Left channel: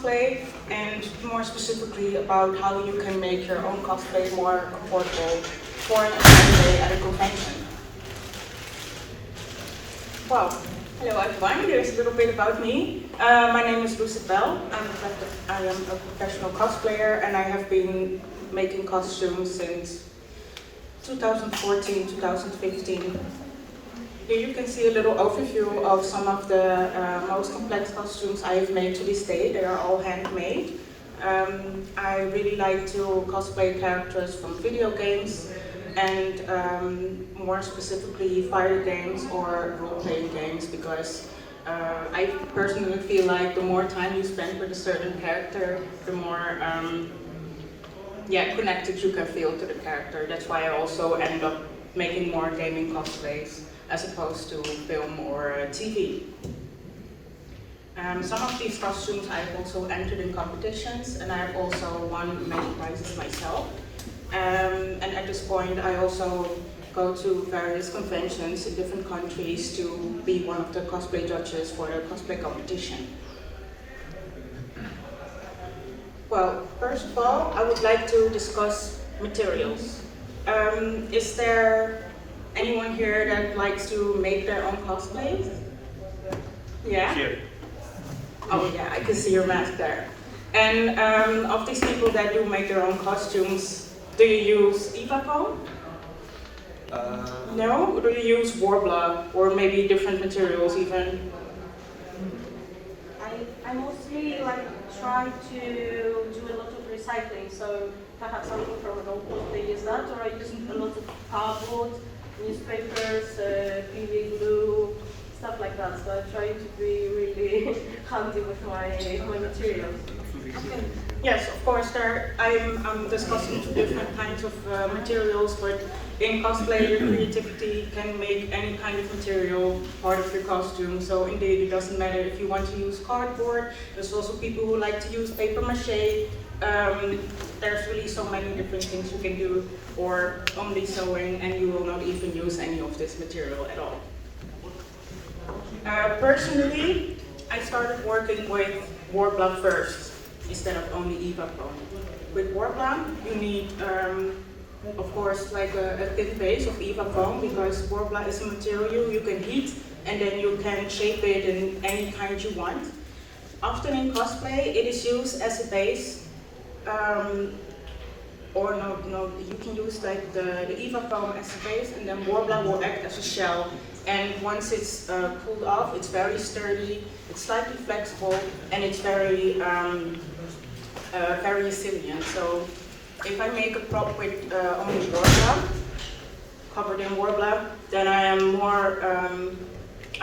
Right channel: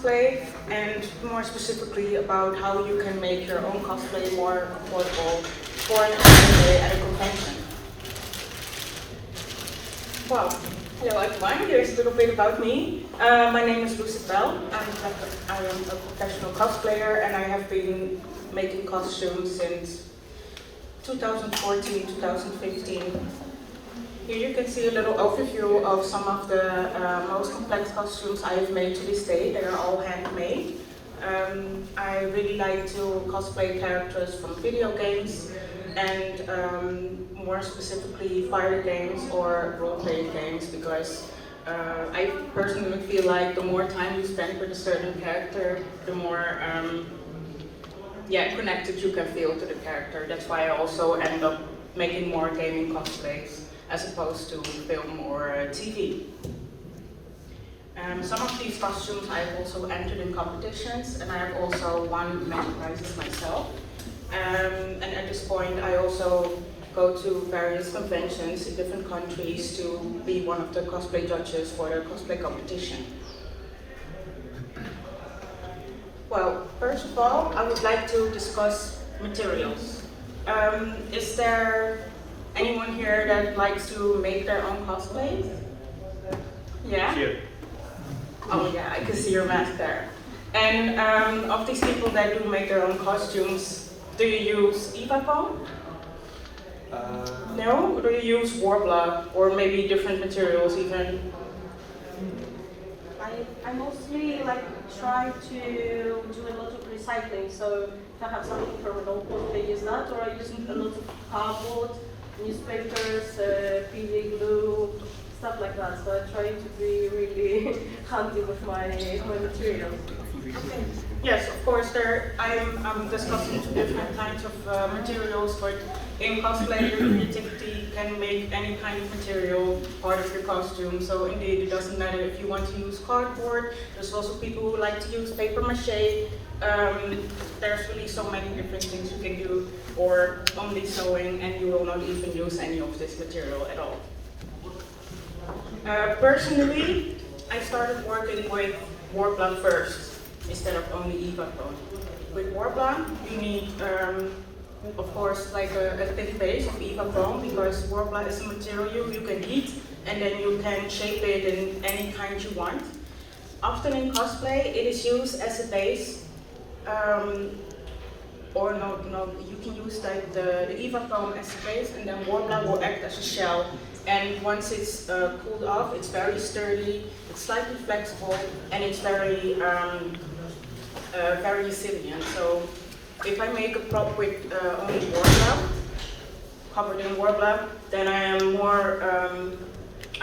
cosplay, and more specifically about how you can make your own cosplay more affordable for an everyday at a convention. Well, hello everyone, here's a little bit about me. My name is Lucid Belle. I am a professional cosplayer and I have been making costumes since 2014, 2015. Here you can see a little overview of some of the most complex costumes I have made to this day. They are all handmade. I really like to cosplay characters from video games and more specifically fighter games or role-playing games, because I personally feel like the more time you spend with a certain character, the more connected you can feel to the character. That's why I also end up making more gaming cosplays as opposed to film or TV. Some of these costumes I've also entered in competitions, and I've also won many prizes myself. And at this point I also go to various conventions in different countries to be one of the cosplay judges for the cosplay competition. Well, first of all, I would like to discuss materials. Is there anyone here that likes to make their own cosplays? Yeah? Here. Oh yeah, I can see your mask there. And of these people that do make their own costumes, do you use Eva foam? No? Or do you use Warbler or maybe different materials even? I mostly try to do a lot of recycling, so if I have something from an old book, they use that, or I use a lot of cardboard, newspapers, PVA glue, stuff like that. So I try to be really handy with my materials. Okay. Yes, of course. I'm discussing two different kinds of materials, but in cosplay, your creativity can make any kind of material part of your costume. So indeed, it doesn't matter if you want to use cardboard. There's also people who like to use paper mache. There's really so many different things you can do, or only sewing, and you will not even use any of this material at all. Personally, I started working with Warbler first, instead of only Eva foam. With Warbler, you need, of course, like a thick base of Eva foam, because Warbler is a material you can heat and then you can shape it in any kind you want. Often in cosplay, it is used as a base, or no, you can use like the Eva foam as a base, and then Warbler will act as a shell. And once it's cooled off, it's very sturdy, it's slightly flexible, and it's very resilient. So if I make a prop with only Warbler, covered in Warbler, then I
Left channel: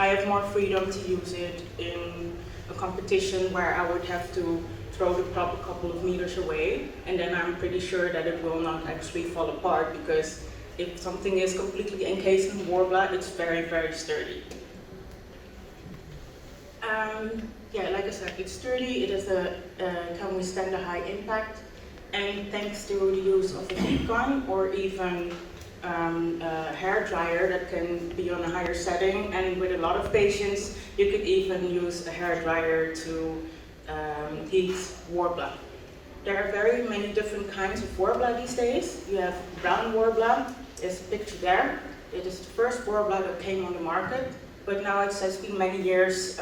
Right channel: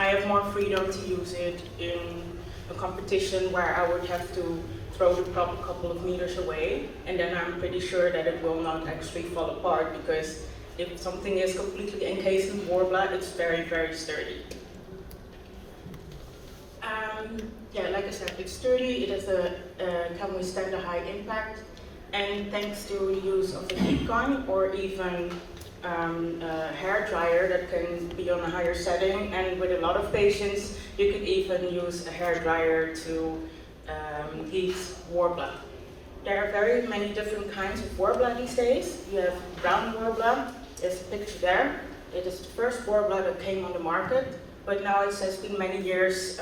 have more freedom to use it in a competition where I would have to throw the prop a couple of meters away, and then I'm pretty sure that it will not actually fall apart, because if something is completely encased in Warbler, it's very, very sturdy. Like I said, it's sturdy, can withstand a high impact, and thanks to the use of a heat gun or even a hair dryer that can be on a higher setting, and with a lot of patience, you could even use a hair dryer to heat Warbler. There are very many different kinds of Warbler these days. You have brown Warbler, there's a picture there. It is the first Warbler that came on the market, but now it has been many years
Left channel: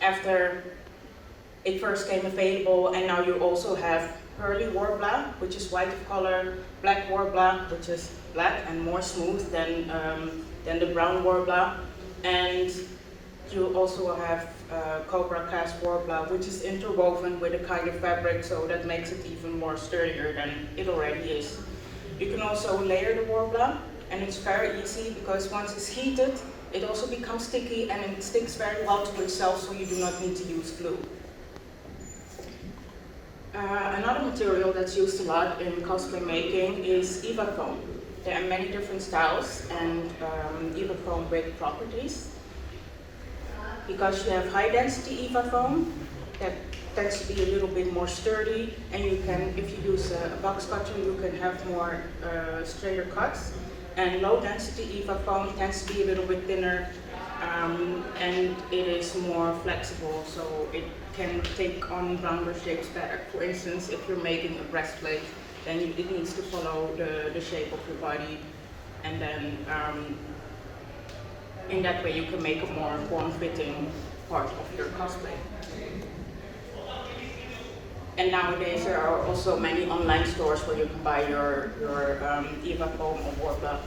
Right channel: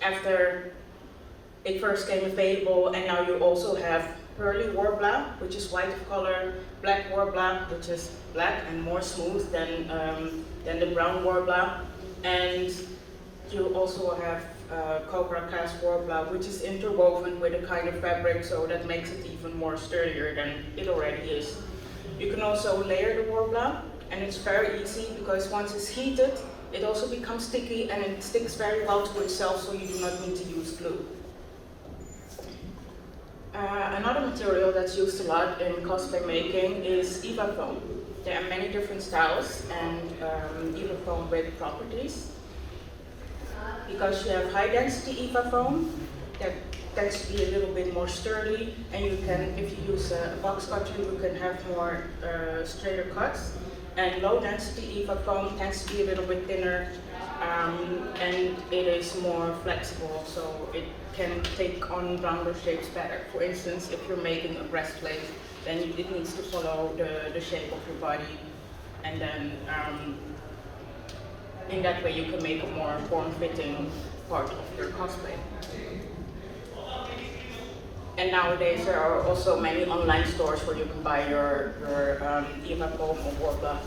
after it first came available, and now you also have pearly Warbler, which is white of color, black Warbler, which is black and more smooth than the brown Warbler, and you also have Cobra cast Warbler, which is interwoven with a kind of fabric, so that makes it even more sturdier than it already is. You can also layer the Warbler, and it's very easy because once it's heated, it also becomes sticky and it sticks very well to itself, so you do not need to use glue. Another material that's used a lot in cosplay making is Eva foam. There are many different styles and Eva foam with properties. Because you have high density Eva foam, that tends to be a little bit more sturdy, and you can, if you use a box cutter, you can have more straighter cuts. And low density Eva foam tends to be a little bit thinner, and it is more flexible, so can take on rounder shapes better. For instance, if you're making a breastplate, then it needs to follow the shape of your body, and then in that way you can make a more form-fitting part of your cosplay. And nowadays there are also many online stores where you can buy your Eva foam or Worbla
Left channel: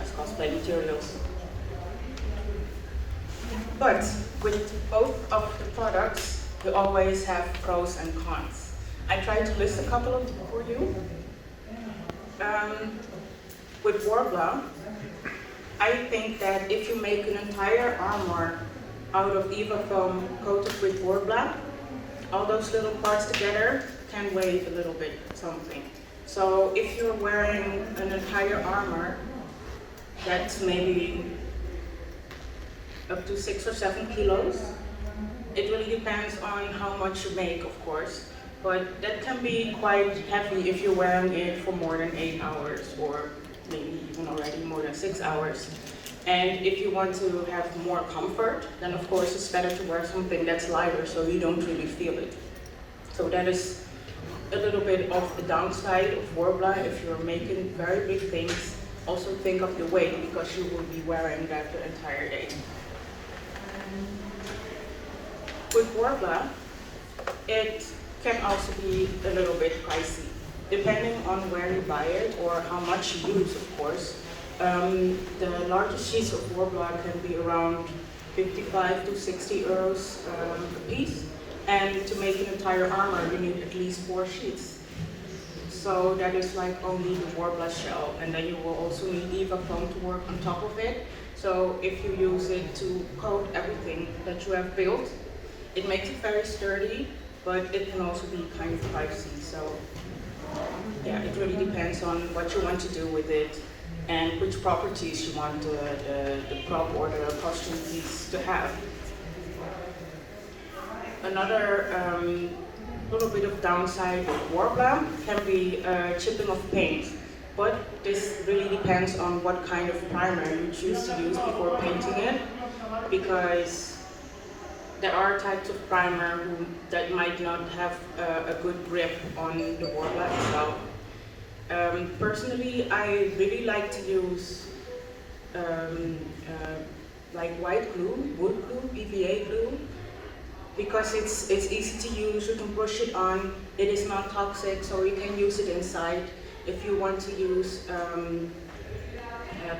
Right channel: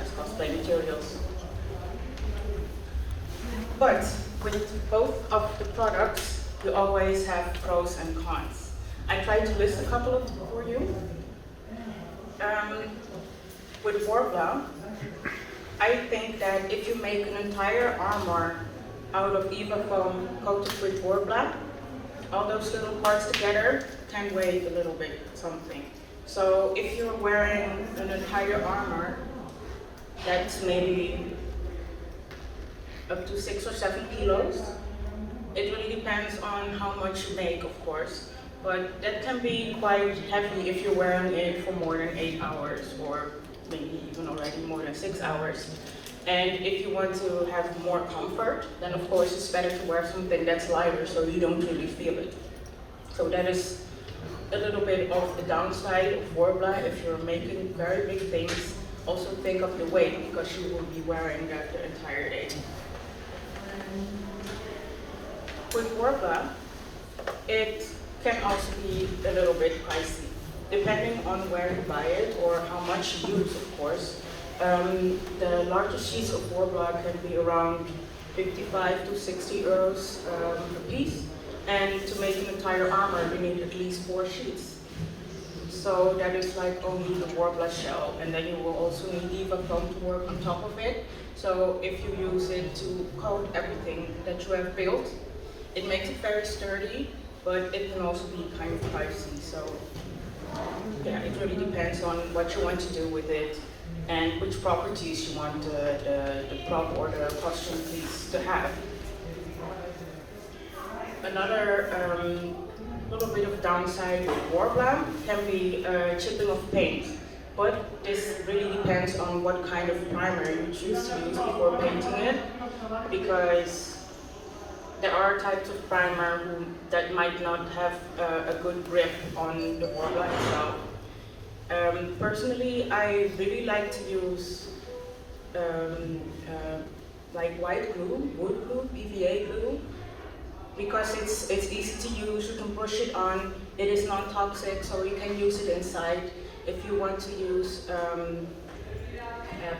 as cosplay materials. But with both of the products, you always have pros and cons. I tried to list a couple of them for you. With Worbla, I think that if you make an entire armor out of Eva foam coated with Worbla, all those little parts together can weigh a little bit something. So if you're wearing an entire armor that's maybe up to 6 or 7 kilos, it really depends on how much you make, of course, but that can be quite heavy if you're wearing it for more than 8 hours or maybe even already more than 6 hours. And if you want to have more comfort, then of course it's better to wear something that's lighter so you don't really feel it. So that is a little bit of the downside of Worbla. If you're making very big things, also think of your weight because you will be wearing that the entire day. With Worbla, it can also be a little bit pricey, depending on where you buy it or how much you use, of course. The largest sheets of Worbla can be around 55 to 60 euros a piece, and to make an entire armor you need at least 4 sheets. So that is like only the Worbla shell, and then you will also need Eva foam to work on top of it. So if you use it to coat everything that you have built, it makes it very sturdy, but it can also be kind of pricey. So yeah, it really depends on what you want to do with it and which properties you want the prop or the costume piece to have. Another little bit of downside with Worbla can be chipping of paint, but this really depends on what kind of primer you choose to use before painting it, because there are types of primer that might not have a good grip on the Worbla itself. Personally, I really like to use like white glue, wood glue, PVA glue, because it's easy to use. You can push it on. It is not toxic, so you can use it inside. If you want to use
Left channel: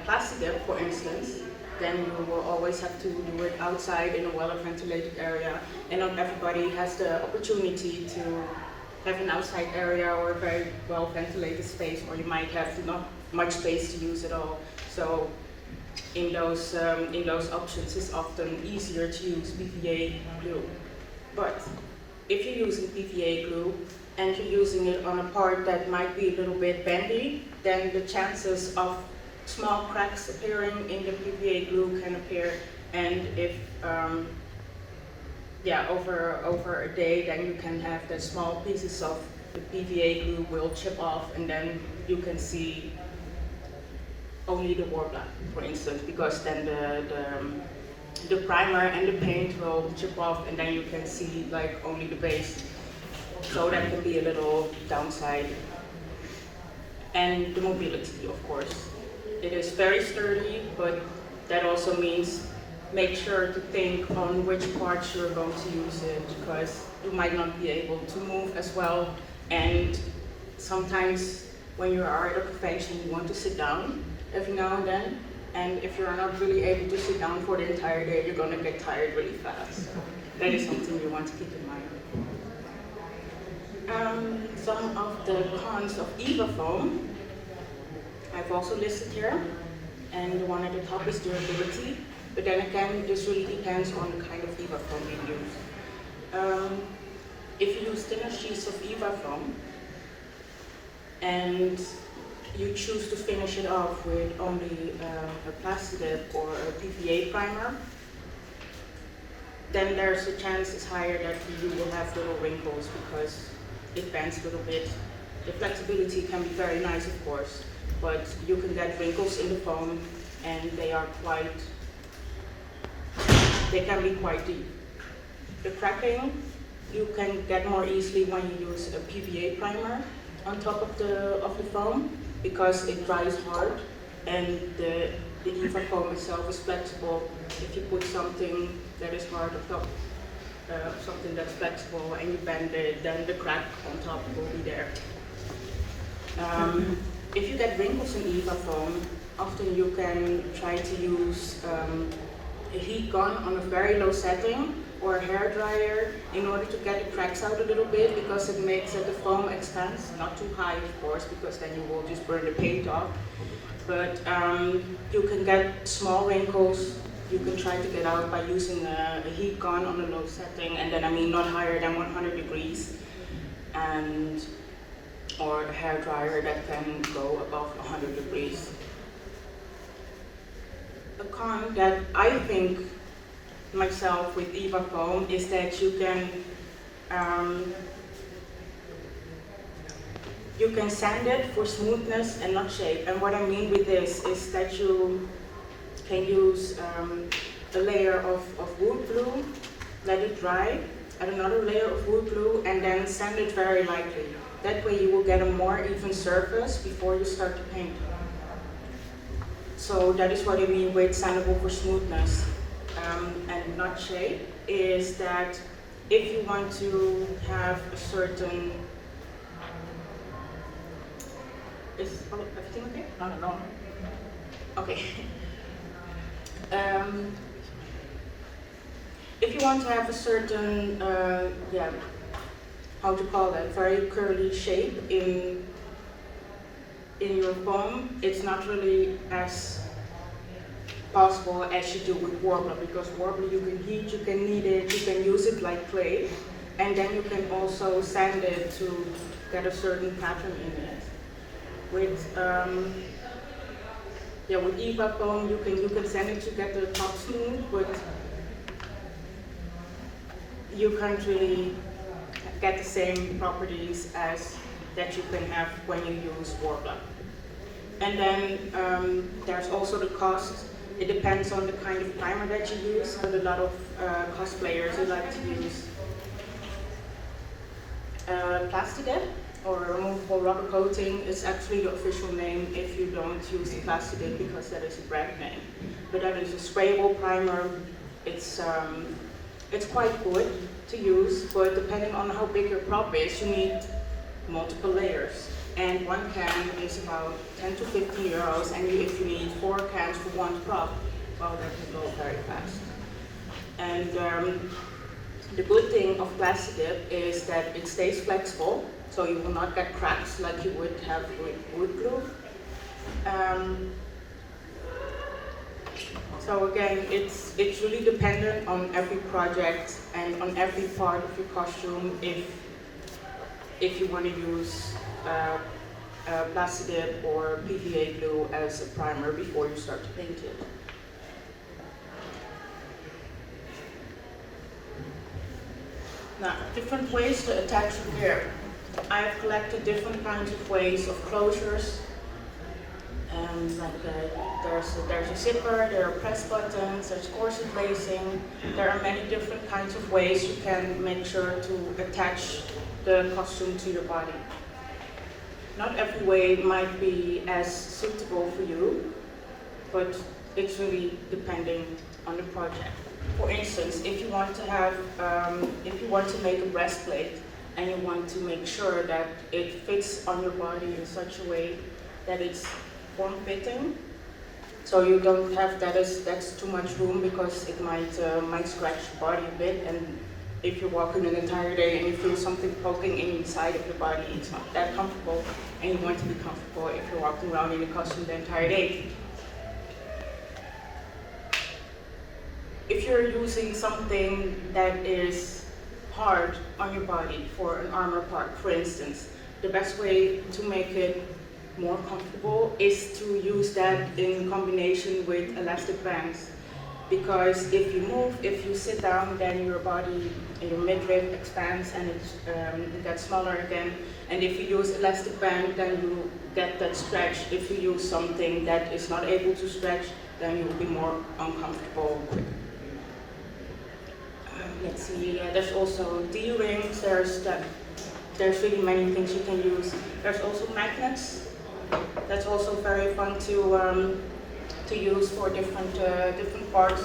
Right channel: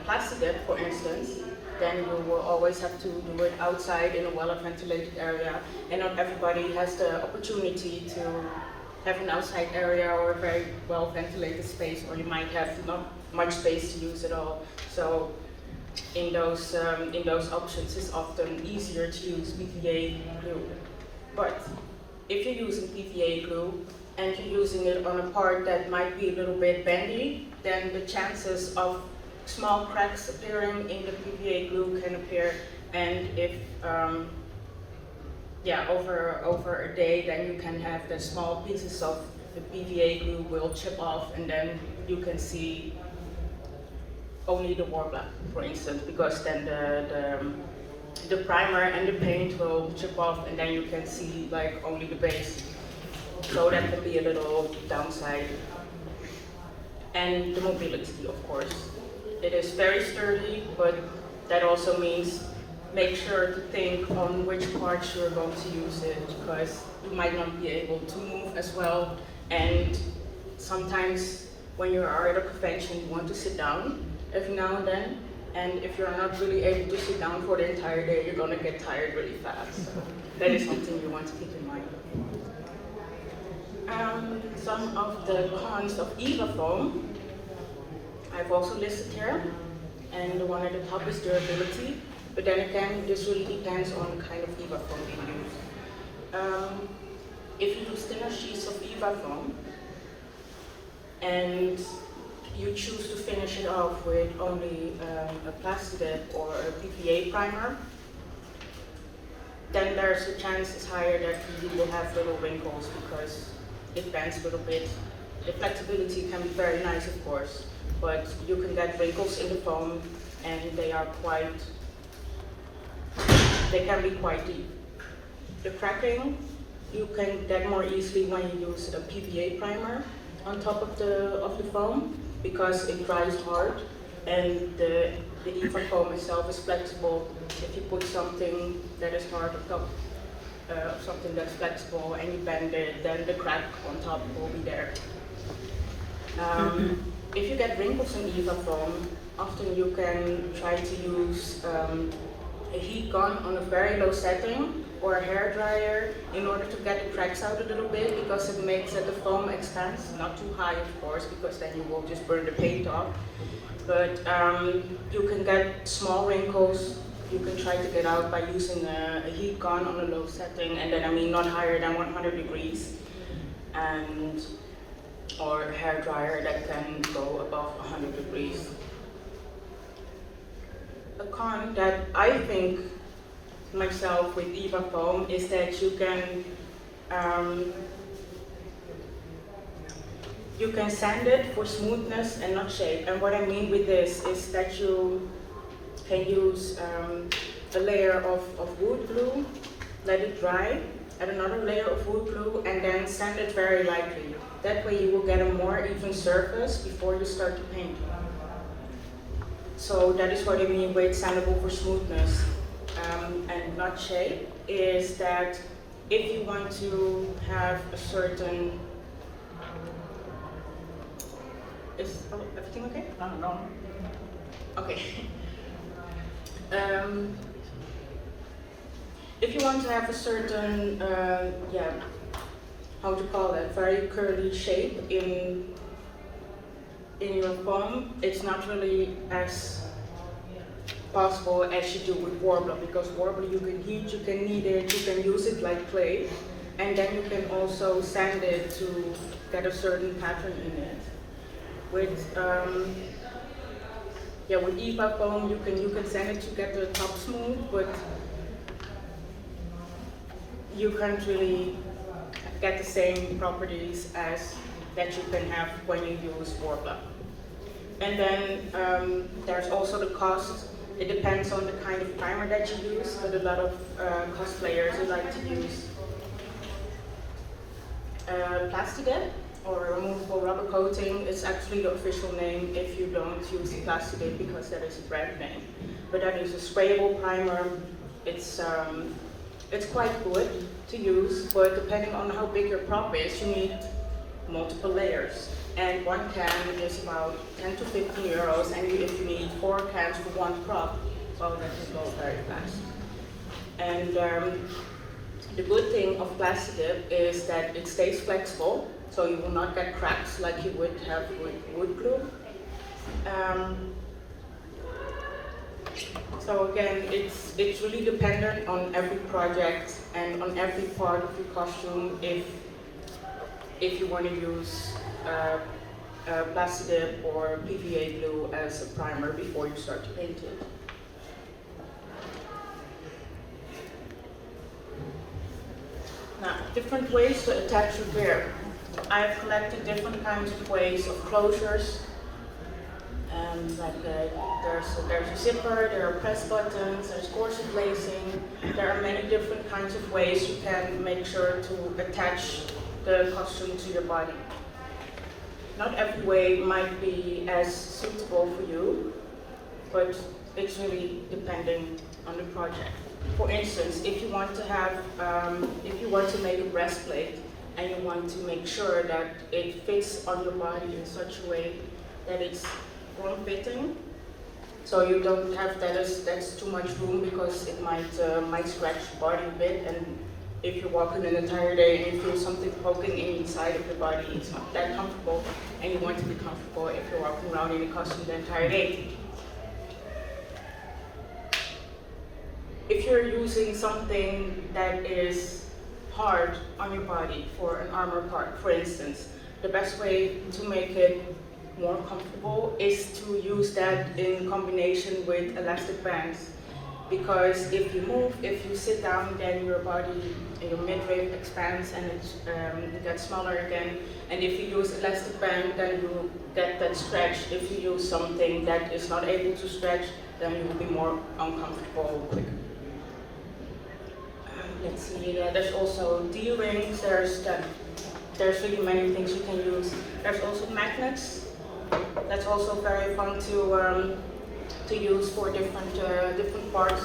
plastic dip, for instance, then you will always have to do it outside in a well-ventilated area, and not everybody has the opportunity to have an outside area or a very well-ventilated space, or you might have not much space to use at all. So in those options, it's often easier to use PVA glue. But if you're using PVA glue and you're using it on a part that might be a little bit bendy, then the chances of small cracks appearing in the PVA glue can appear, and if over a day, then you can have the small pieces of the PVA glue will chip off, and then you can see only the Worbla, for instance, because then the primer and the paint will chip off, and then you can see like only the base. So that can be a little downside. And the mobility, of course. It is very sturdy, but that also means make sure to think on which parts you're going to use it, because you might not be able to move as well. And sometimes when you are at a convention, you want to sit down every now and then. And if you're not really able to sit down for the entire day, you're going to get tired really fast. So that is something you want to keep in mind. Some of the cons of Eva foam I've also listed here, and the one at the top is durability. But then again, this really depends on the kind of Eva foam you use. If you use thinner sheets of Eva foam and you choose to finish it off with only a plastic dip or a PVA primer, then there's the chance is higher that you will have little wrinkles because it bends a little bit. The flexibility can be very nice, of course, but you can get wrinkles in the foam, and they can be quite deep. The cracking you can get more easily when you use a PVA primer on top of the foam, because it dries hard, and the EVA foam itself is flexible. If you put something that is hard on top of something that's flexible and you bend it, then the crack on top will be there. If you get wrinkles in EVA foam, often you can try to use a heat gun on a very low setting, or a hair dryer, in order to get the cracks out a little bit, because it makes the foam expands, not too high of course, because then you will just burn the paint off. But you can get small wrinkles, you can try to get out by using a heat gun on a low setting, and then I mean not higher than 100 degrees, and or a hair dryer that can go above 100 degrees. A con that I think myself with EVA foam is that you can sand it for smoothness and not shape. And what I mean with this is that you can use a layer of wood glue, let it dry, add another layer of wood glue, and then sand it very lightly. That way you will get a more even surface before you start to paint. So that is what I mean with sandable for smoothness and not shape, is that if you want to have a certain... Is everything okay? No. Okay. If you want to have a certain, how to call that, very curly shape in your foam, it's not really as possible as you do with warbler, because warbler you can heat, you can knead it, you can use it like clay, and then you can also sand it to get a certain pattern in it. With EVA foam, you can sand it to get the top smooth, but you can't really get the same properties as that you can have when you use warbler. And then there's also the cost. It depends on the kind of primer that you use, but a lot of cosplayers, they like to use Plastidip, or removable rubber coating. Is actually the official name if you don't use the Plastidip, because that is a brand name. But that is a sprayable primer. It's quite good to use, but depending on how big your prop is, you need multiple layers. And one can is about 10 to 15 euros, and if you need 4 cans for one prop, well, that can go very fast. And the good thing of Plastidip is that it stays flexible, so you will not get cracks like you would have with wood glue. So again, it's really dependent on every project and on every part of your costume if you want to use Plastidip or PVA glue as a primer before you start to paint it. Now, different ways to attach your hair. I have collected different kinds of ways of closures. There's a zipper, there are press buttons, there's corset lacing. There are many different kinds of ways you can make sure to attach the costume to your body. Not every way might be as suitable for you, but it's really depending on the project. For instance, if you want to make a breastplate and you want to make sure that it fits on your body in such a way that it's form-fitting, so you don't have that's too much room, because it might scratch the body a bit, and if you're walking an entire day and you feel something poking inside of your body, it's not that comfortable, and you want to be comfortable if you're walking around in a costume the entire day. If you're using something that is hard on your body for an armor part, for instance, the best way to make it more comfortable is to use that in combination with elastic bands. Because if you sit down, then your body, your midriff expands and it gets smaller again. And if you use elastic band, then you get that stretch. If you use something that is not able to stretch, then you will be more uncomfortable quicker. Let's see, there's also D-rings, there's really many things you can use. There's also magnets. That's also very fun to use for different parts.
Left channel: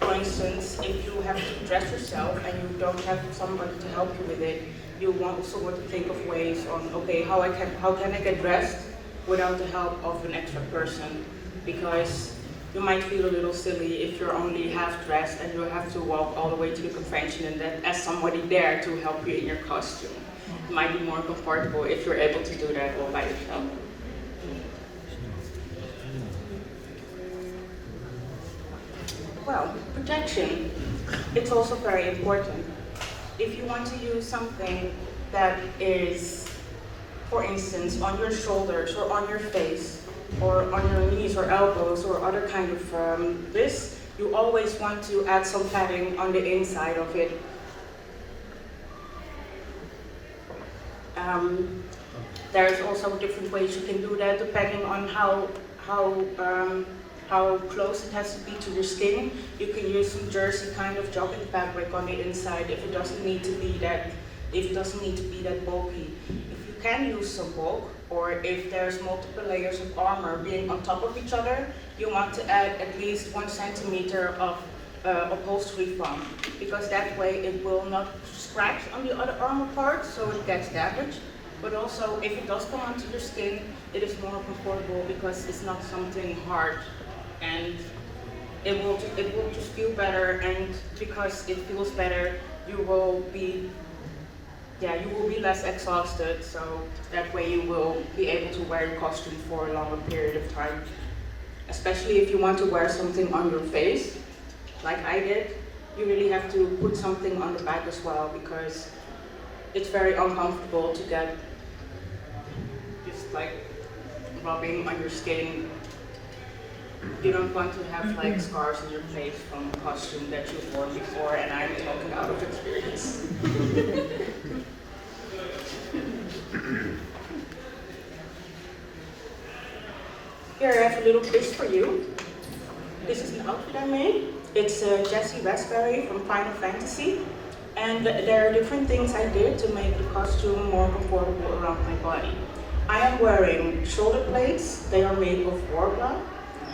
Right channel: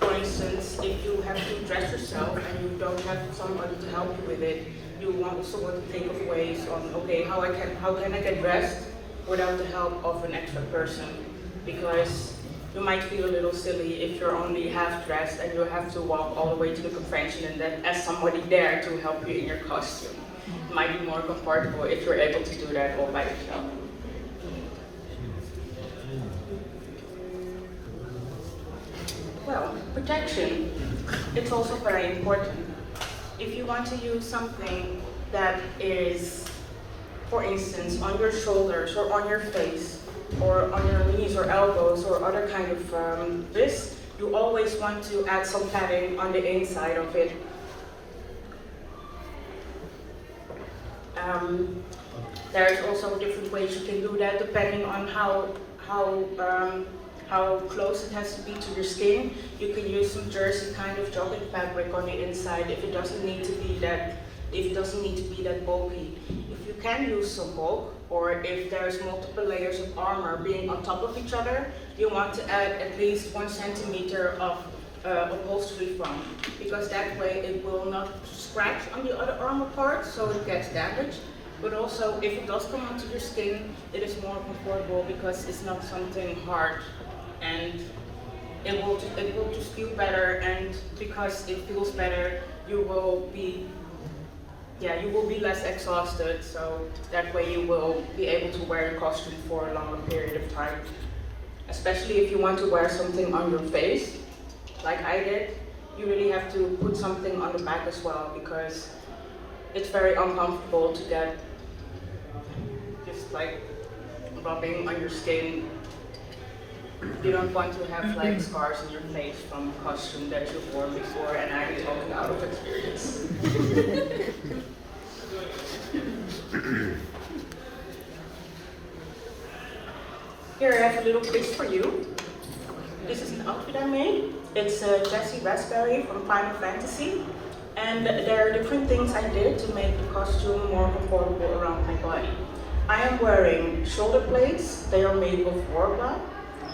For instance, if you have to dress yourself and you don't have somebody to help you with it, you want to think of ways on, okay, how can I get dressed without the help of an extra person? Because you might feel a little silly if you're only half dressed and you have to walk all the way to the convention and then ask somebody there to help you in your costume. It might be more comfortable if you're able to do that all by yourself. Well, protection, it's also very important. If you want to use something that is, for instance, on your shoulders or on your face, or on your knees or elbows or other kind of this, you always want to add some padding on the inside of it. There's also different ways you can do that depending on how close it has to be to your skin. You can use some jersey kind of jogging fabric on the inside if it doesn't need to be that bulky. If you can use some bulk, or if there's multiple layers of armor being on top of each other, you want to add at least 1 centimeter of upholstery foam, because that way it will not scratch on the other armor part, so it gets damaged. But also, if it does come onto your skin, it is more comfortable because it's not something hard, and it will just feel better. And because it feels better, you will be less exhausted, so that way you will be able to wear your costume for a longer period of time. Especially if you want to wear something on your face, like I did, you really have to put something on the back as well, because it's very uncomfortable to get just like rubbing on your skin. You don't want to have like scars on your face from a costume that you've worn before, and I'm talking out of experience. Here I have a little quiz for you. This is an outfit I made. It's Jessie Raspberry from Final Fantasy. And there are different things I did to make the costume more comfortable around my body. I am wearing shoulder plates. They are made of warbler.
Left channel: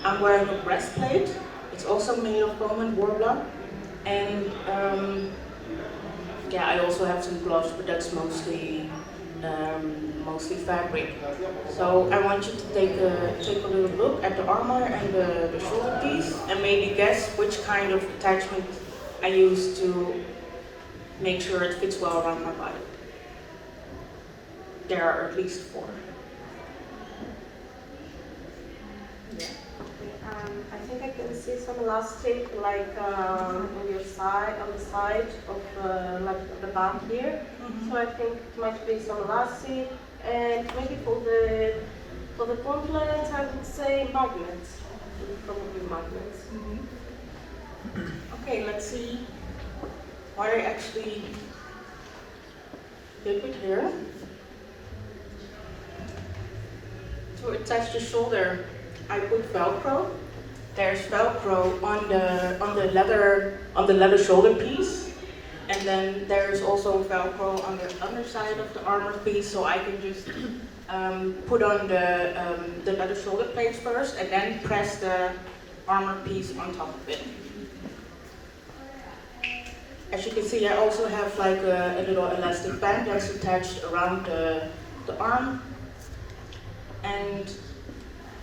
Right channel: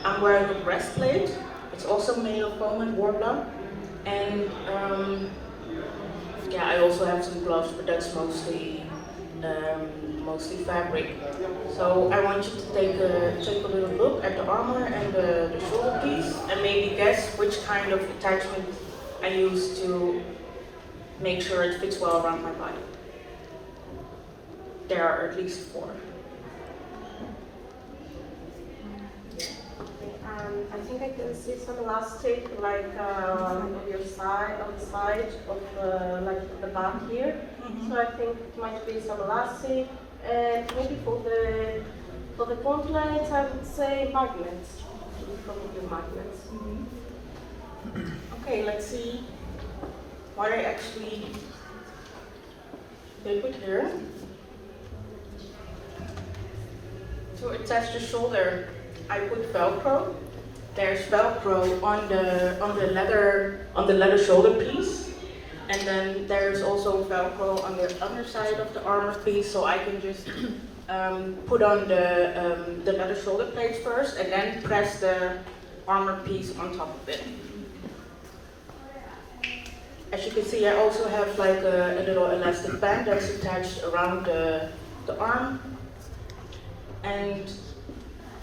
I'm wearing a breastplate. It's also made of foam and warbler. And I also have some gloves, but that's mostly fabric. So I want you to take a little look at the armor and the shoulder piece, and maybe guess which kind of attachment I use to make sure it fits well around my body. There are at least 4. I think I can see some elastic, like on the side of like the back here. Mm-hmm. So I think it might be some elastic, and maybe for the gauntlets, I would say magnets. Probably magnets. Mm-hmm. Okay, let's see what I actually did with here. To attach the shoulder, I put Velcro. There's Velcro on the leather shoulder piece, and then there's also Velcro on the underside of the armor piece, so I can just put on the leather shoulder plates first, and then press the armor piece on top of it. As you can see, I also have like a little elastic band that's attached around the arm, and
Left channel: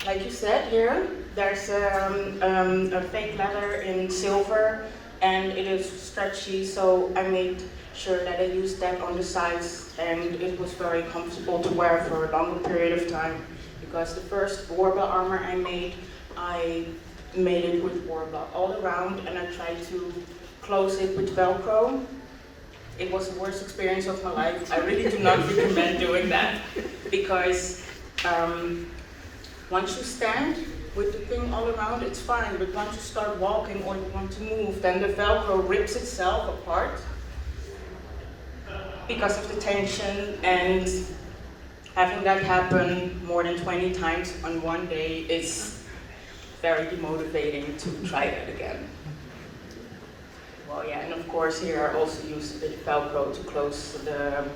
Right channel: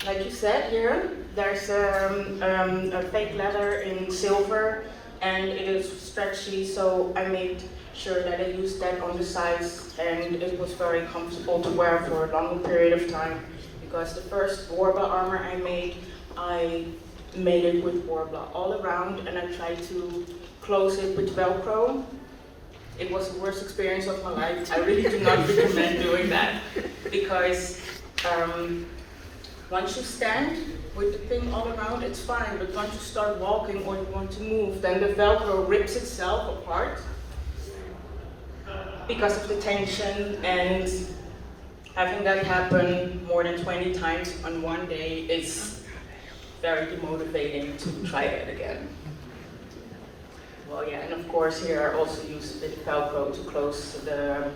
like you said here, there's a fake leather in silver, and it is stretchy, so I made sure that I used that on the sides, and it was very comfortable to wear for a longer period of time, because the first warbler armor I made it with warbler all around, and I tried to close it with Velcro. It was the worst experience of my life. I really do not recommend doing that, because once you stand with the thing all around, it's fine, but once you start walking or you want to move, then the Velcro rips itself apart because of the tension, and having that happen more than 20 times on one day is very demotivating to try that again. Oh yeah, and of course here I also used a bit of Velcro to close the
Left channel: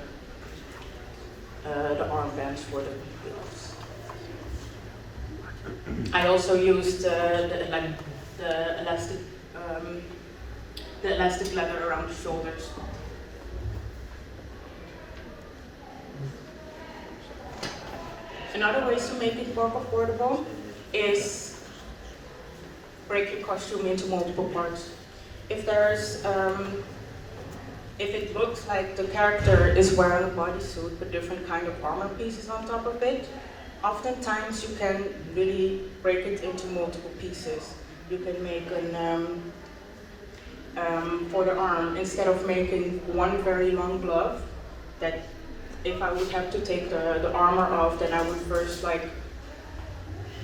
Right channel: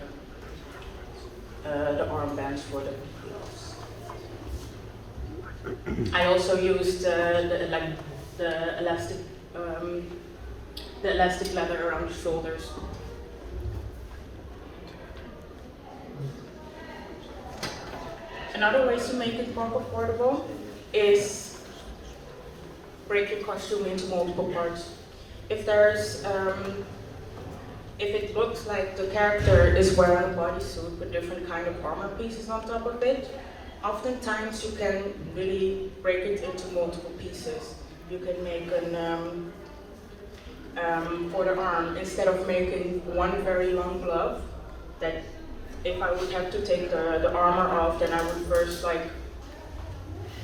armbands for the gloves. I also used the elastic leather around the shoulders. Another way to make it more comfortable is break your costume into multiple parts. If it looks like the character is wearing a bodysuit with different kind of armor pieces on top of it, oftentimes you can really break it into multiple pieces. You can make for the arm, instead of making one very long glove, that if I would have to take the armor off, then I would first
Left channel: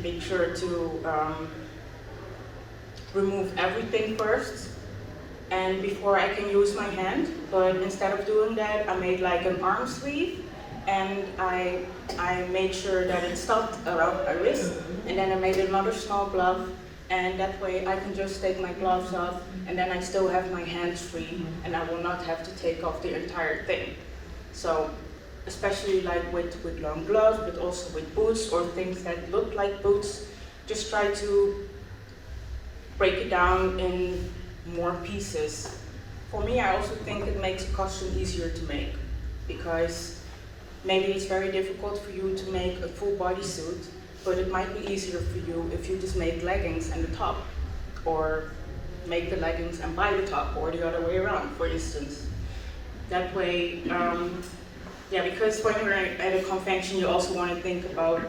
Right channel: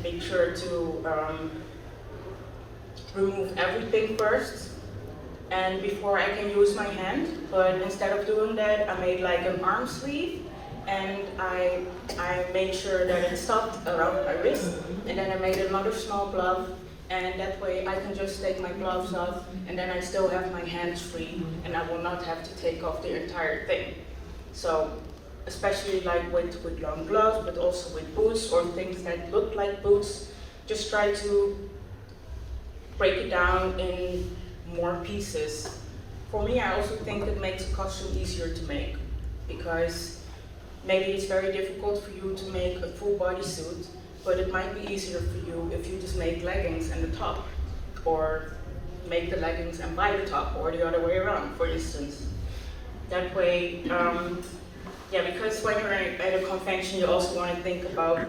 make sure to remove everything first, and before I can use my hand. But instead of doing that, I made like an arm sleeve, and I made sure that it stopped around my wrist, and then I made another small glove, and that way I can just take my gloves off, and then I still have my hands free, and I will not have to take off the entire thing. So, especially like with long gloves, but also with boots or things that look like boots, just try to break it down in more pieces. For me, I also think it makes a costume easier to make, because maybe it's very difficult for you to make a full bodysuit, but it might be easier for you if you just make leggings and the top, or make the leggings and buy the top, or the other way around, for instance. That way, because when you're at a convention, you also want to think about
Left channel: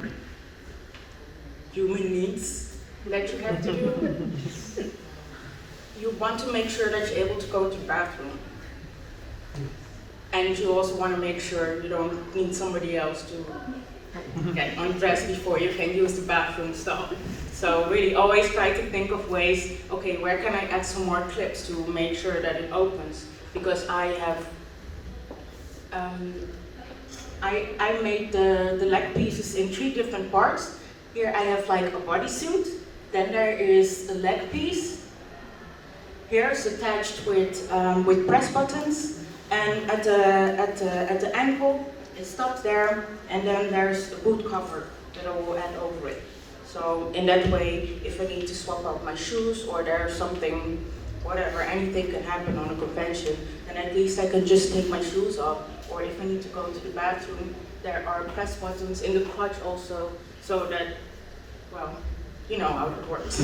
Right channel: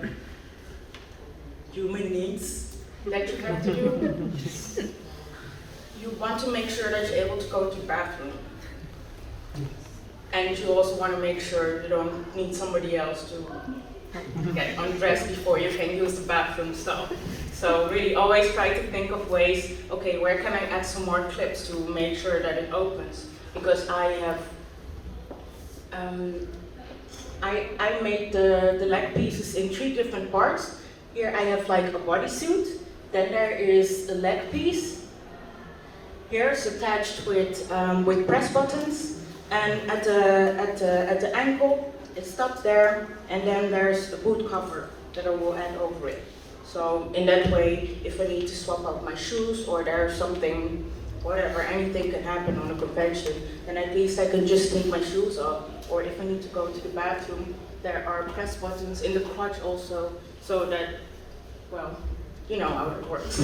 human needs that you have to do. You want to make sure that you're able to go to the bathroom. And you also want to make sure you don't need somebody else to get undressed before you can use the bathroom stall. So really always try to think of ways, okay, where can I add some more clips to make sure that it opens? Because I have, I made the leg pieces in 3 different parts. Here I have like a bodysuit, then there is a leg piece. Here it's attached with press buttons, and at the ankle it stops there, and then there's a boot cover that I will add over it. So in that way, if I need to swap out my shoes or there's something, whatever, anything can happen on a convention, then at least I can just take my shoes off. Or if I need to go to the bathroom, there are press buttons in the clutch also, so that, well, you know how it works.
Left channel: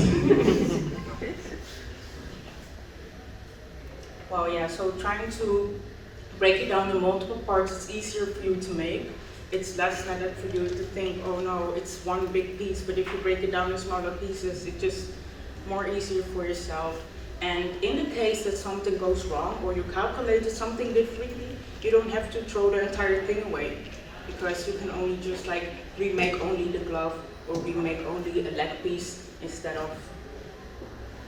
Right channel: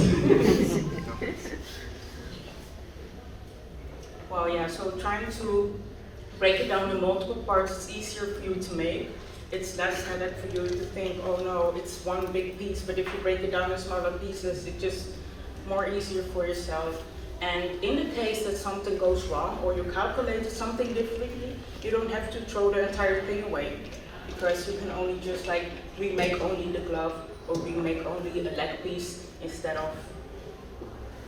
Well, yeah, so trying to break it down in multiple parts, it's easier for you to make. It's less headache for you to think, oh no, it's one big piece, but if you break it down in smaller pieces, it's just more easier for yourself. And in the case that something goes wrong, or you calculated something differently, you don't have to throw the entire thing away, because you can only just like remake only the glove, or remake only a leg piece, instead of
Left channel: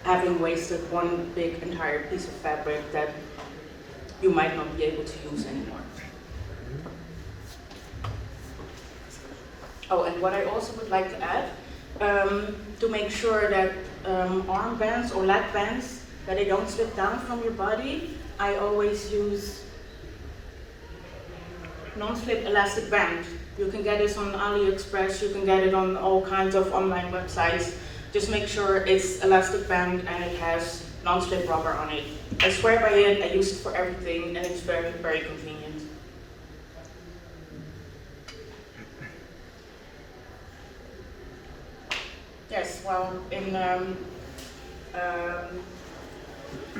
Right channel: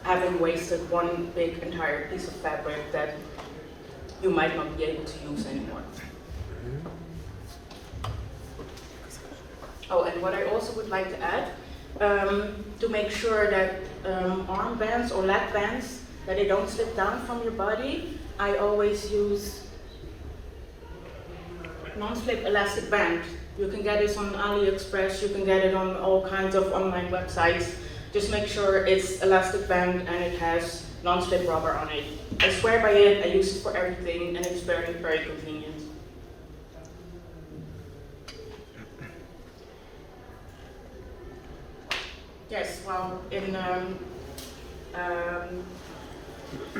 having wasted one big entire piece of fabric that you might not be able to use anymore. Oh, and what I also would like to add, to make sure that armbands or leg bands, that they don't slip down from your body, I always use non-slip elastic band. You can get this on AliExpress, you can get it on all kinds of online websites. Just make sure it's elastic band and it has non-slip rubber on it. I swear by it, I use it for everything, and it's very, very convenient. Yes, well,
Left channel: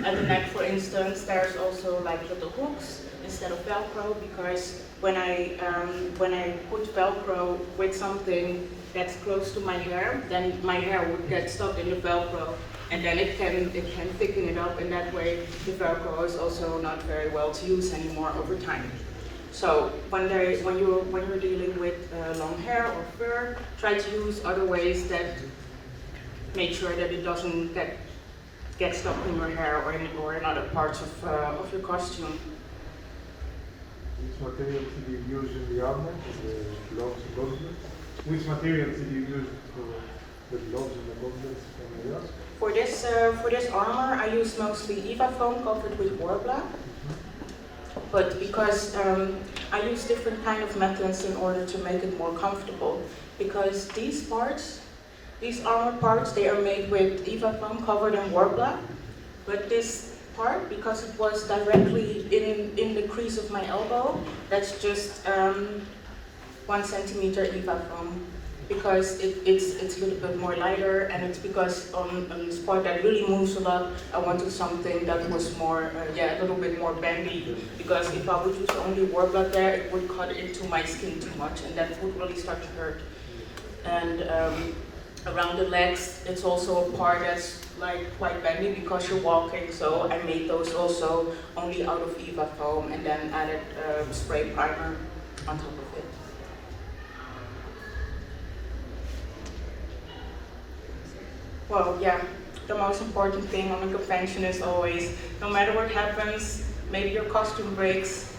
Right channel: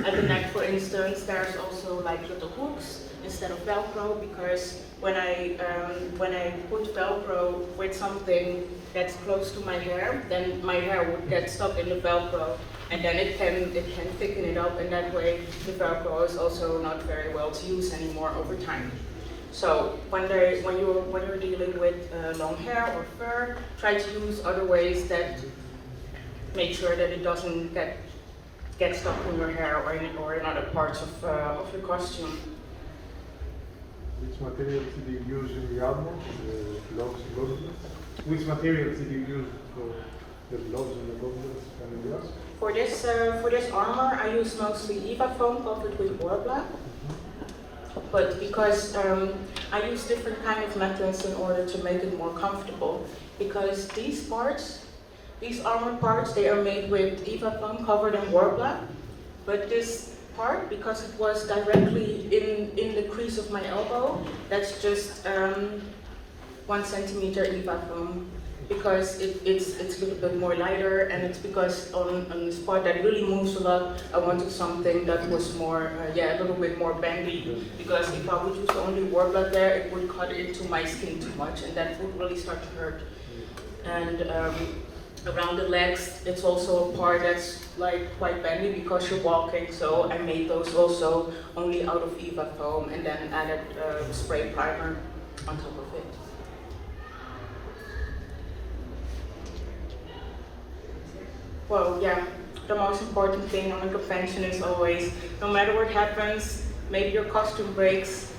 at the neck, for instance, there's also like little hooks instead of Velcro, because when I put Velcro with something that's close to my hair, then my hair would get stuck in the Velcro, and then it can thicken it up, and that way the Velcro is also not very well to use anymore over time. So when you're dealing with long hair or fur, try to use other ways that make sure that it doesn't get stuck in your hair or in other parts of your costume. Which materials did you use in the armor, the gloves and gloves? Which materials did you use For this armor, I use mostly EVA foam covered with war black. But because I use different kind of metals in order to make it more comfortable. Because these parts, these armor parts, they are made with EVA foam covered in war black. But this part, because it was directly in the crease of my elbow, that's just 1 centimeter EVA foam. Because it's a little bit more lighter, and it's because on this part that really moves a lot, I wanted something that was more, a little bit more bendy. Because if I would use only war black there, it would cut into my skin too much, and that would really start to hurt. And around the legs, it's also a part that's like quite bendy because you're walking. So I made those also only out of EVA foam, and then added spray primer on top of it. Well, yeah, the most important thing on a convention is always, no matter what happens, maybe your costume breaks,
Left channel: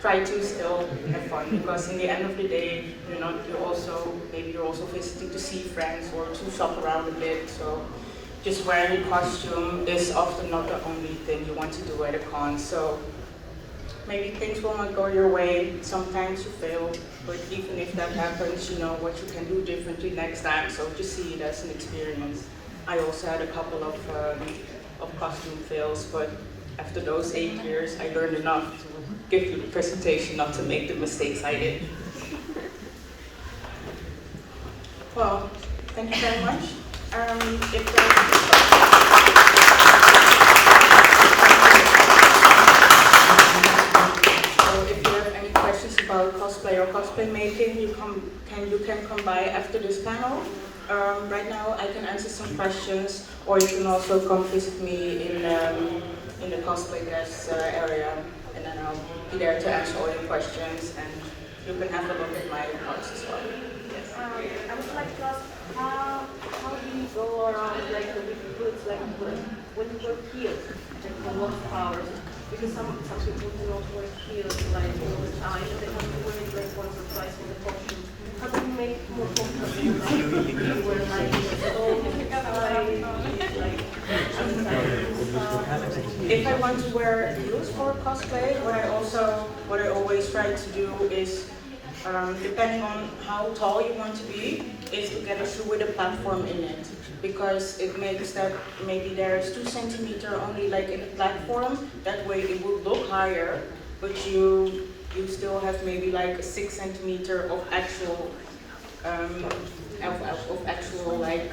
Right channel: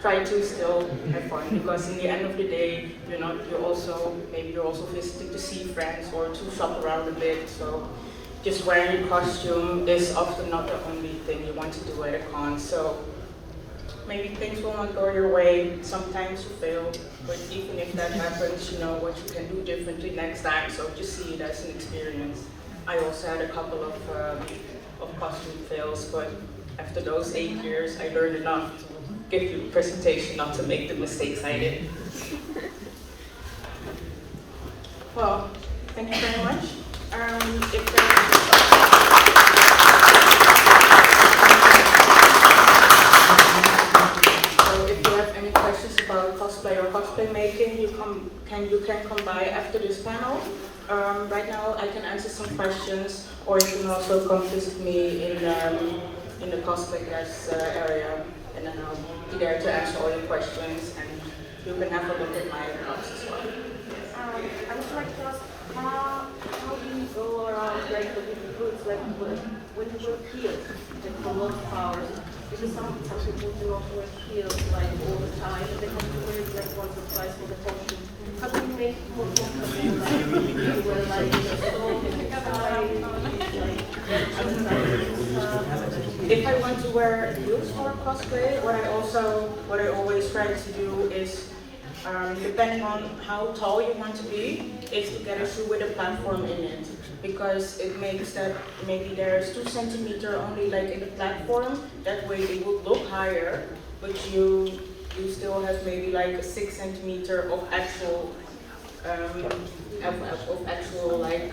try to still have fun, because in the end of the day, you're also visiting to see friends or to shop around a bit. So just wearing your costume is often not the only thing you want to do at a con. So maybe things will not go your way, sometimes you fail, but even if that happens, you know what you can do differently next time, so just see it as an experience. I also had a couple of costume fails, but after those 8 years, I learned enough to give you the presentation not to make the mistakes I did. Well, thank you very much. About cosplay or cosplay making, you can come by after this panel. Right now I can answer some questions, or you can also come visit me in the Cosplayers area, and then I'll be there to answer all your questions, and you can have a look at my notes as well. Yes. I would like to ask, how do you go around like with goods, like when you wear heels, like for a lot of hours? Because some people do not wear heels like all the time, and they have to wear it like once or twice for the costume. How do you make it more comfortable? Like you wear like if I want to wear heels for cosplay, what I always try to do is, depending on how tall you want to be, is to get a shoe with a platform in it. Because it makes that maybe there's 2 centimeters only like in the platform, that way it will look higher, but you still have maybe like a 6 centimeters of actual like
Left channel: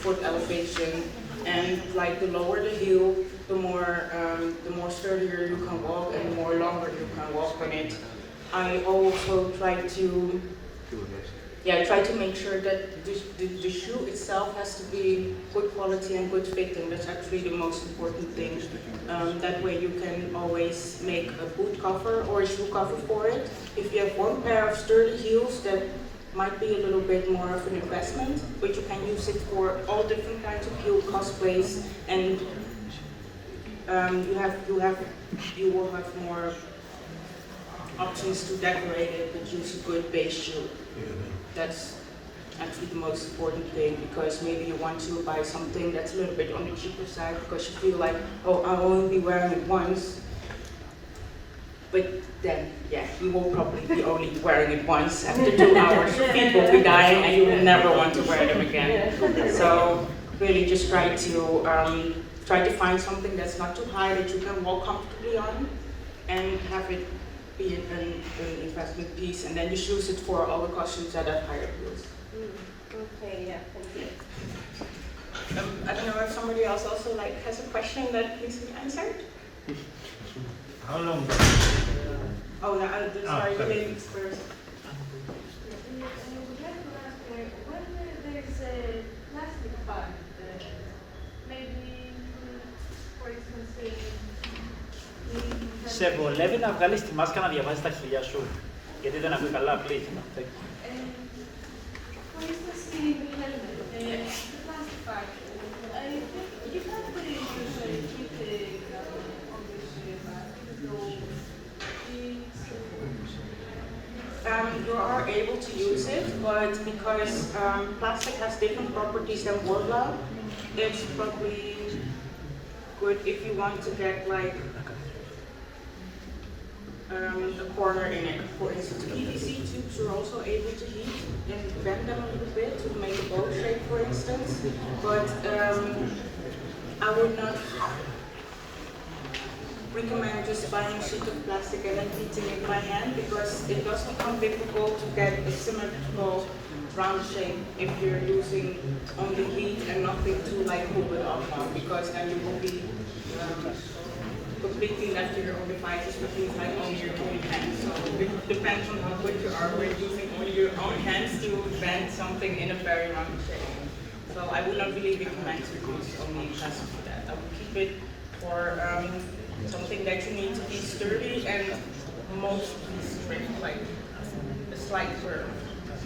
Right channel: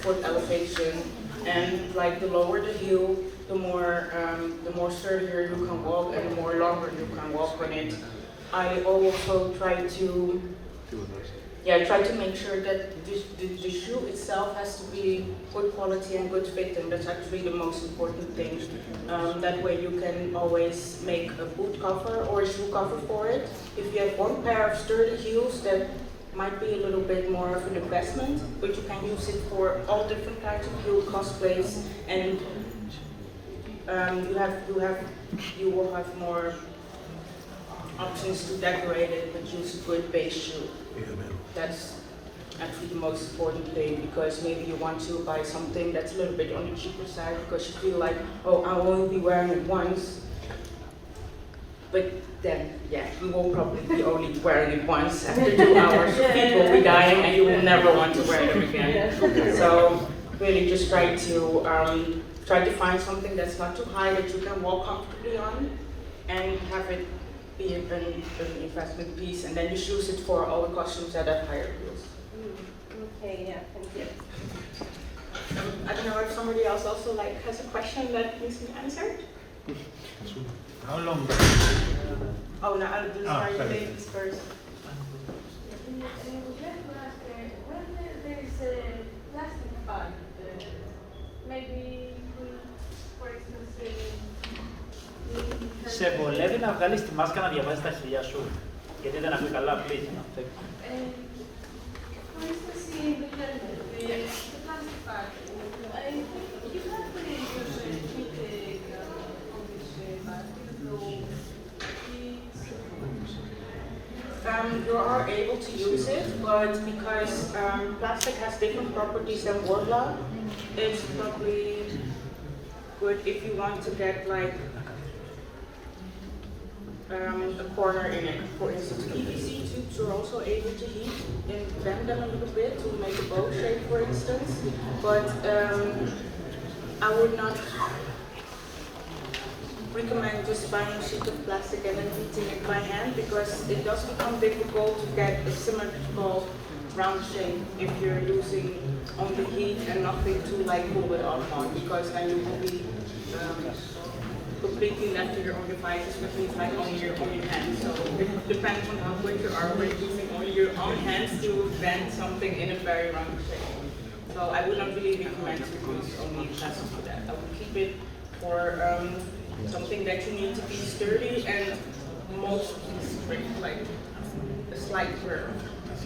foot elevation. And like the lower the heel, the more sturdier you can walk and the more longer you can walk on it. I also try to make sure that the shoe itself has to be good quality and good fitting. That's actually the most important thing. That way you can always make a boot cover or a shoe cover for it. If you have one pair of sturdy heels, that might be a little bit more of an investment, but you can use it for all different kinds of heel cosplays, and you will have more options to decorate it, but use a good base shoe. That's actually the most important thing, because maybe you want to buy something that's a little bit on the cheaper side because you feel like, oh, I will only be wearing it once. But then, yeah, you will probably be only wearing it once. After 2 hours, your feet will be dying and you will never want to wear them again. So really just try to find something that's not too high, that you can walk comfortably on, and have it be an investment piece, and then you use it for all the costumes that have higher heels. Okay, yeah, thank you. I don't know if somebody else also has a question that needs to be answered. How long? Oh, no, sorry, you ladies first. When there's a plastic bag, maybe, for instance, Σε βολεύει να βγάλεις τη μάσκα να διαβάζεις τα χειλιά σου, γιατί δεν ακούει καλά, απλή. For instance, in the plastic bag, you can't really use a heat on this bag, even though You are able to use it, but because plastic has different properties than Worbla, it's probably good if you want to get like a corner in it. For instance, PVC tubes you're also able to heat and bend them a little bit to make a bow shape, for instance. But I would not recommend just buying a sheet of plastic and then heating it by hand, because it does become difficult to get a symmetrical round shape if you're using only heat and nothing to like pull it off on, because then you will be completely left to your own devices, which means like only your own hands. So it depends on how good you are with using only your own hands to bend something in a very round shape. So I would not really recommend to use only plastic for that. I would keep it for something that you need to be sturdy and mostly straight, like a slight curve,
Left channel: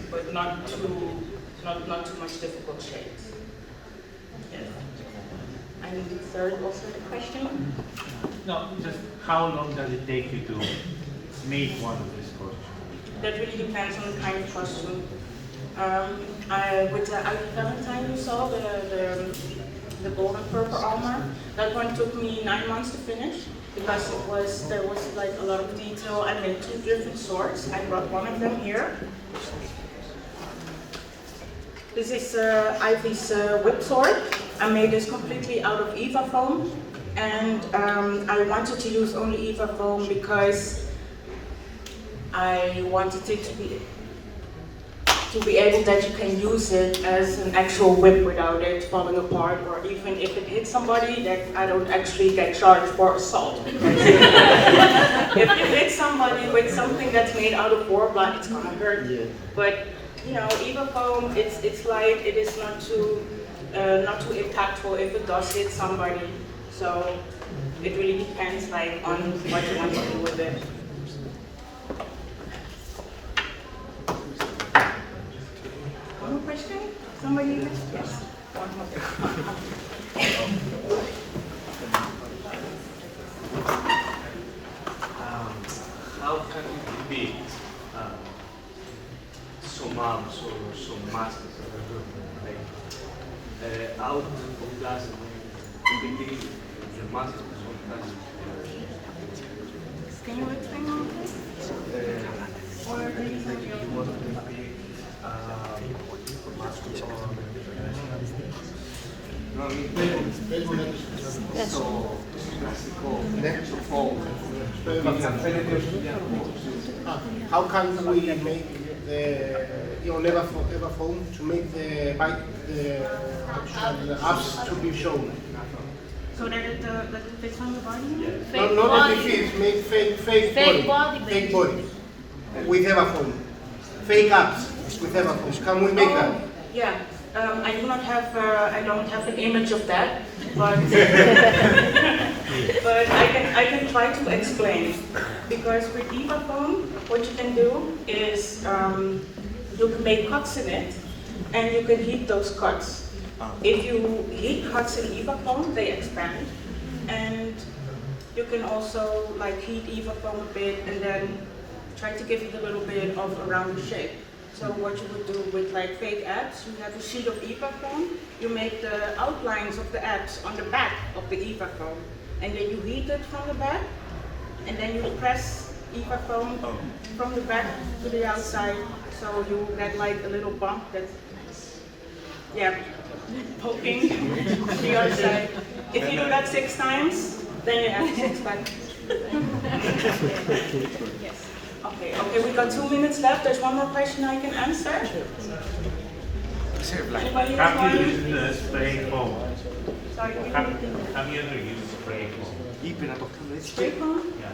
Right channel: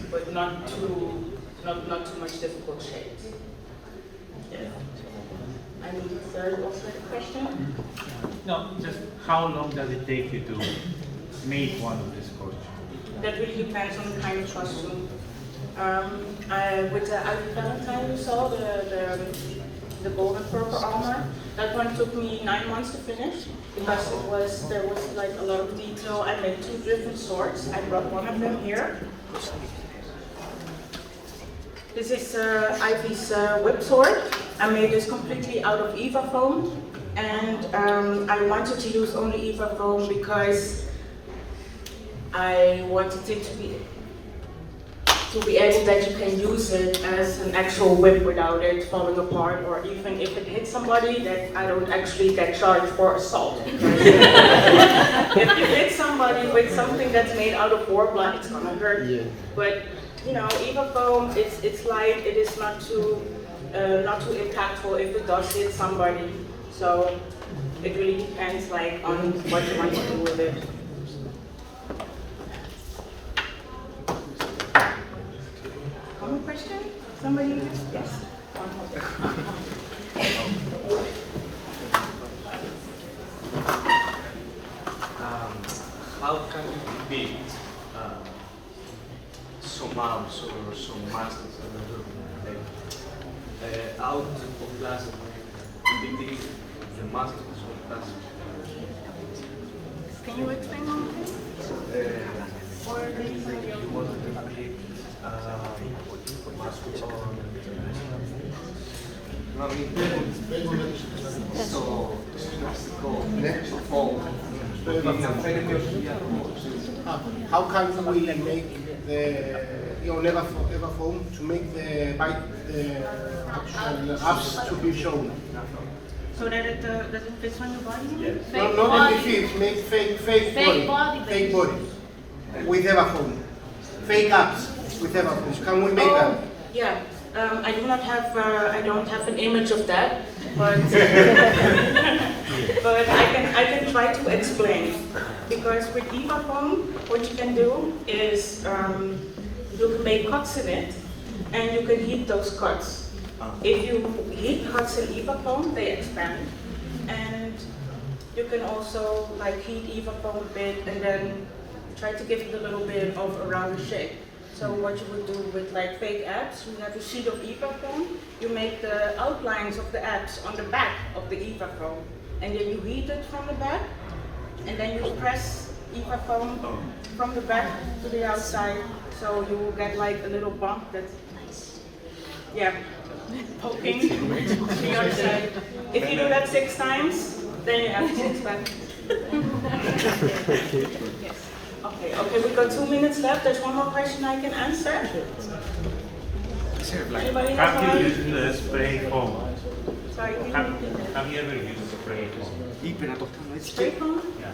but not too much difficult shapes. Yes. And third, also the question? No, just how long does it take you to make one of these costumes? That really depends on the kind of costume. With the Valentine you saw, the gold and purple armor, that one took me 9 months to finish, because there was like a lot of detail. I made 2 different swords. I brought one of them here. This is Ivy's whip sword. I made this completely out of Eva foam, and I wanted to use only Eva foam because I wanted it to be able that you can use it as an actual whip without it falling apart, or even if it hits somebody, that I don't actually get charged for assault. If you hit somebody with something that's made out of Worbla, it's gonna hurt. But you know, Eva foam, it's light. It is not too impactful if it does hit somebody. So it really depends like on what you want to do with it. One more question? Somebody? Yes. One more How can you depict some arms or some masters of the group, like, out of plastic, depicting the masters of plastic? Can you explain one more thing? Or maybe somebody else? You want to depict master on so classical foam. How can we make the Eva foam to make the actual abs to be shown? So that it fits on your body? Yes. No, not only fits, make fake body. Fake body. With Eva foam. Fake abs with Eva foam. Can we make that? Yeah. I don't have an image of that, but but I can try to explain. Because with Eva foam, what you can do is you can make cuts in it, and you can heat those cuts. If you heat cuts in Eva foam, they expand, and you can also like heat Eva foam a bit, and then try to give it a little bit of a rounder shape. So what you would do with like fake abs, you have a sheet of Eva foam, you make the outlines of the abs on the back of the Eva foam, and then you heat it from the back, and then you press Eva foam from the back to the outside, so you will get like a little bump that's, yeah, poking on the other side. If you do that 6 times, then you have a 6-pack. Yes. Okay, we got 2 minutes left. There's one more question I can answer. Anybody have Have you one? used spray foam? Sorry, can you repeat that? Have you ever used spray foam? Spray foam? Yeah.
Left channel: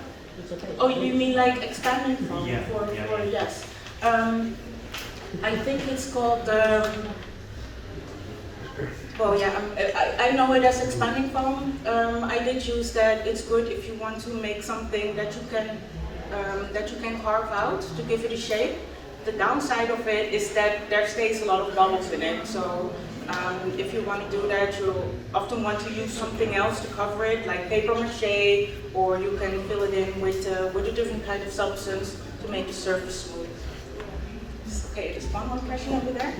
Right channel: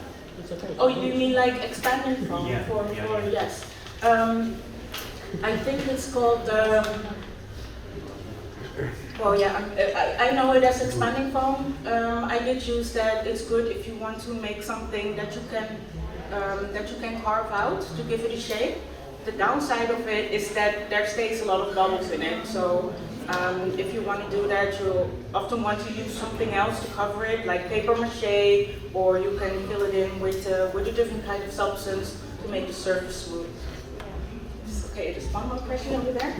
Oh, you mean like expanding foam? Yeah, For yeah. yes. I think it's called. Well, yeah, I know it as expanding foam. I did use that. It's good if you want to make something that you can carve out to give it a shape. The downside of it is that there stays a lot of bubbles in it. So if you want to do that, you'll often want to use something else to cover it, like paper mache, or you can fill it in with a different kind of substance to make the surface smooth. Okay, there's one more question over there.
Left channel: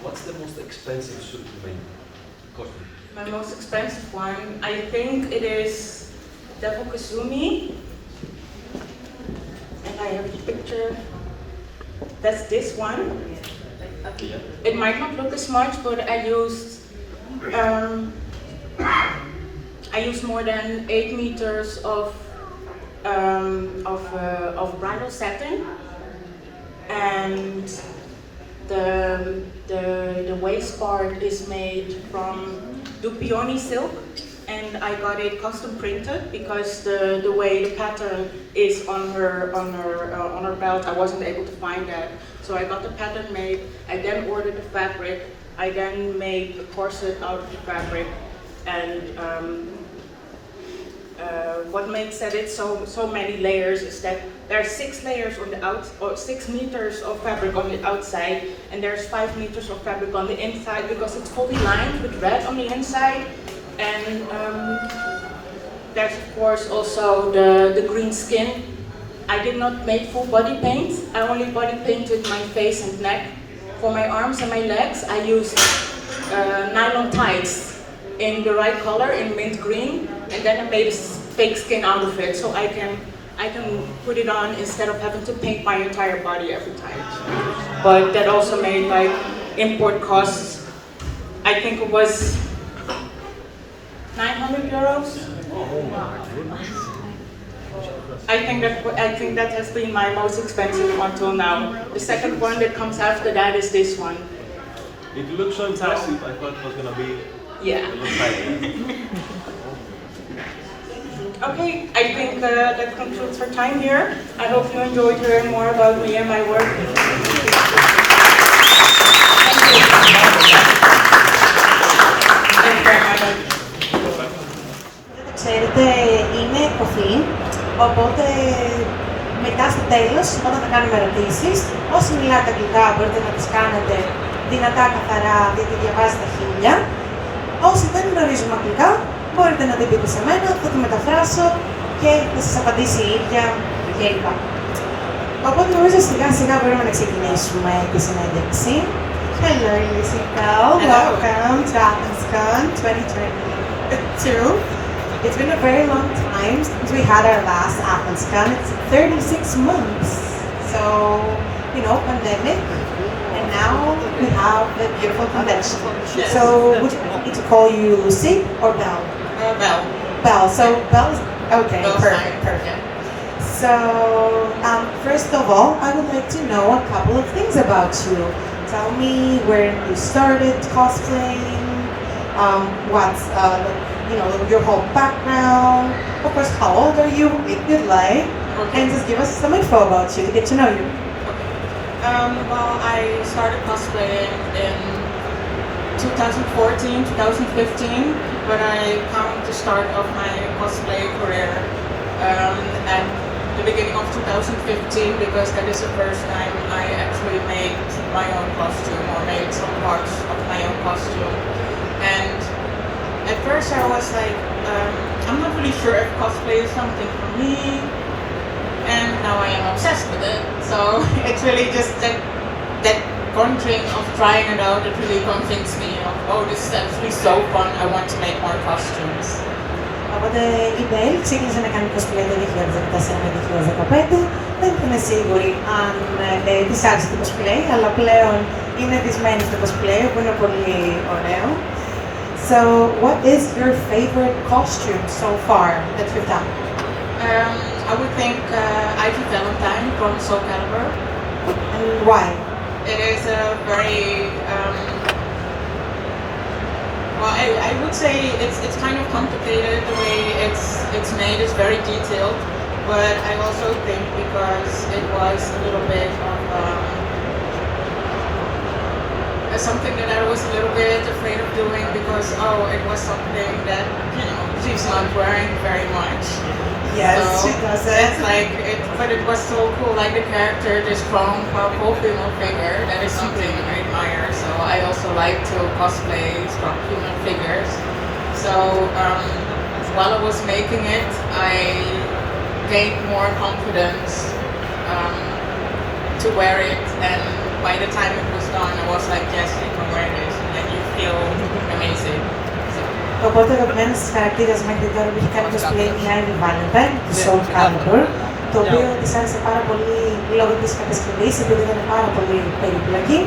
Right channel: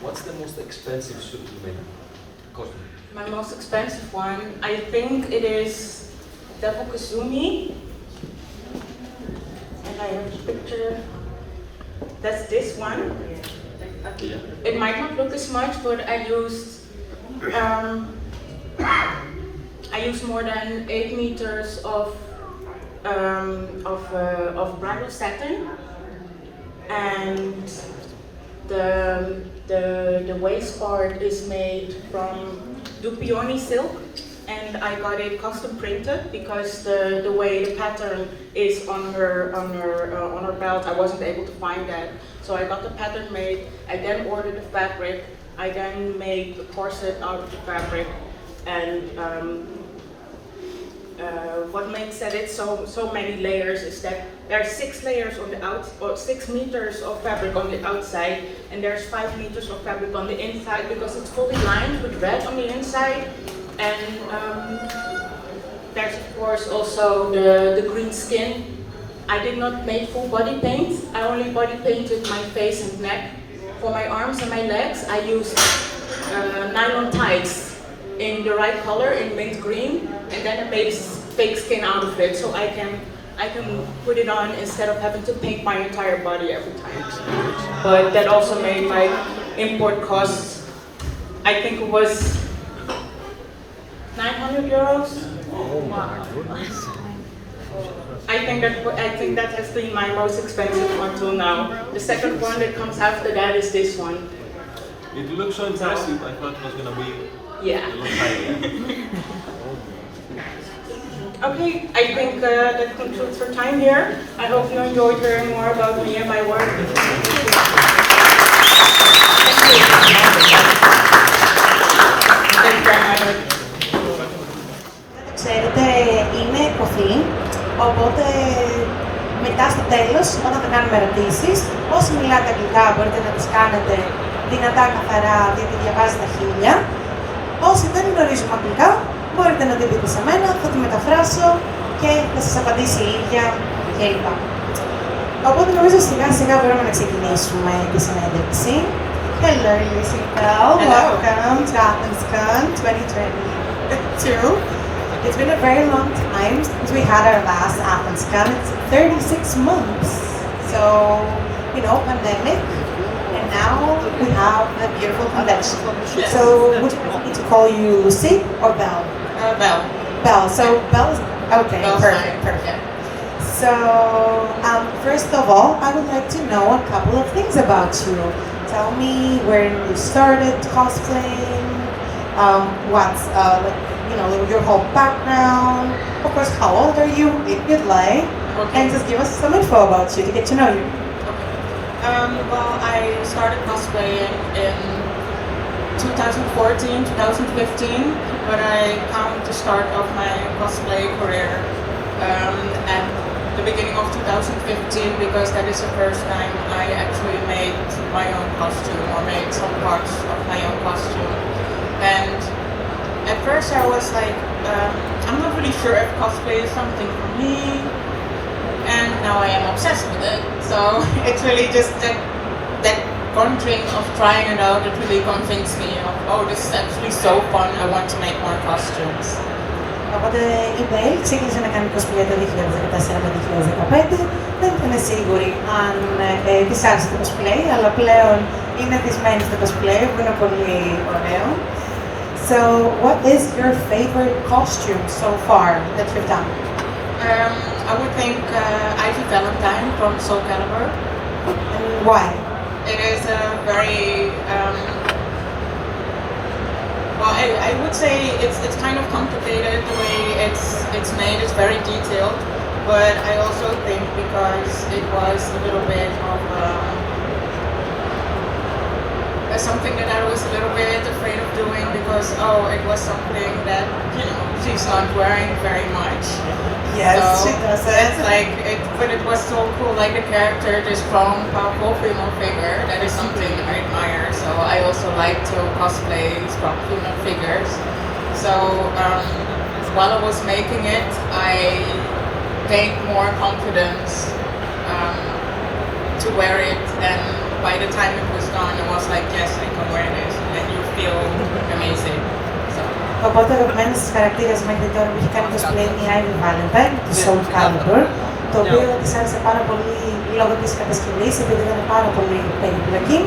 What's the most expensive suit you made? Costume. My most expensive one, I think it is Devil Kazumi. And I have a picture. That's this one. It might not look as much, but I used more than 8 meters of bridal satin, and the waist part is made from Dupioni silk, and I got it custom printed because the way the pattern is on her belt, I wasn't able to find that. So I got the pattern made. I then ordered the fabric. I then made the corset out of the fabric, and what makes it so many layers is that there are 6 layers on the or 6 meters of fabric on the outside, and there's 5 meters of fabric on the inside because it's fully lined with red on the inside. And there's of course also the green skin. I did not make full body paint. I only body painted my face and neck. For my arms and my legs, I used nylon tights in the right color, in mint green, and then I made fake skin out of it, so I can put it on instead of having to paint my entire body every time. But that also made like import costs. I think it was 900 euros. I think that has been my most expensive one till now. The second one that comes after that is this one. It looks so impressive. I thought it was gonna be a little higher. Okay, I think that concludes our time here. I hope you enjoyed hearing more about me and my work. Thank you. Thank you very much. Ξέρετε, είναι κοφή, οπότε μετά στο τέλος, όταν θα κάνουμε ερωτήσεις, όσοι μιλάτε αγγλικά μπορείτε να τις κάνετε δυνατά, καθαρά, γιατί διαβάζει τα χίλια. Όσοι δεν γνωρίζουμε αγγλικά, μπορείτε να την πείτε σε μένα, θα τη μεταφράσω και θα σας απαντήσει η ίδια κλπ. Οπότε νομίζω σιγά σιγά μπορούμε να ξεκινήσουμε τη συνέντευξη. Hello, Lucid. Welcome to AthensCon 2022. It's been a very long time since we had our last AthensCon. It's 36 months. So, you know, pandemic, and now we have the beautiful convention. So, would you like me to call you Lucid or Belle? Belle. Belle. So, Belle is okay. Perfect. So, first of all, I would like to know a couple of things about you. Tell me where you started cosplaying. What's you know, your whole background, of course, how old are you, if you'd like, and just give us some info about you to get to know you. Well, I started cosplaying in 2014, 2015, when I come to start of my cosplay career at the beginning of 2015, because that is the first time I actually made my own costume, or made some parts of my own costume. And at first I was like, I'm not really sure if cosplay is something for me, and now I am obsessed with it. So it's really just that one dream of trying it out that really convinced me of, oh, this is actually so fun, I want to make more costumes. Οπότε η Belle ξεκίνησε να κάνει cosplay το 2014 με 2015. Δεν είμαι σίγουρη αν της άρεσε το cosplay, αλλά πλέον είναι δυσμένη στο cosplay, που είναι πολύ ωραίο. So, what is your favorite costume so far that you've done? I would think Ivy Valentine from Soul Calibur. And why? It is a very, well, I would say it's kind of complicated. The way it's made is very detailed, but I also think because it was a little bit of something that I was a little bit afraid of doing, because it was something that, you know, she's not wearing very much. Yes, so she doesn't. It's like but it was so cool, like the character, this strong, powerful female figure. That is something I admire. So I also like to cosplay strong female figures. So while I was making it, I gained more confidence to wear it, and by the time it was gone, it was like, yes, you can wear this, and you feel amazing. So. Οπότε ο αγαπημένος της χαρακτήρας μέχρι τώρα που είχε κάνει cosplay είναι η Ivy Valentine, του Soul Calibur, το οποίο της άρεσε πάρα πολύ λόγω της κατασκευής, επειδή ήταν πάρα πολύ περίπλοκη.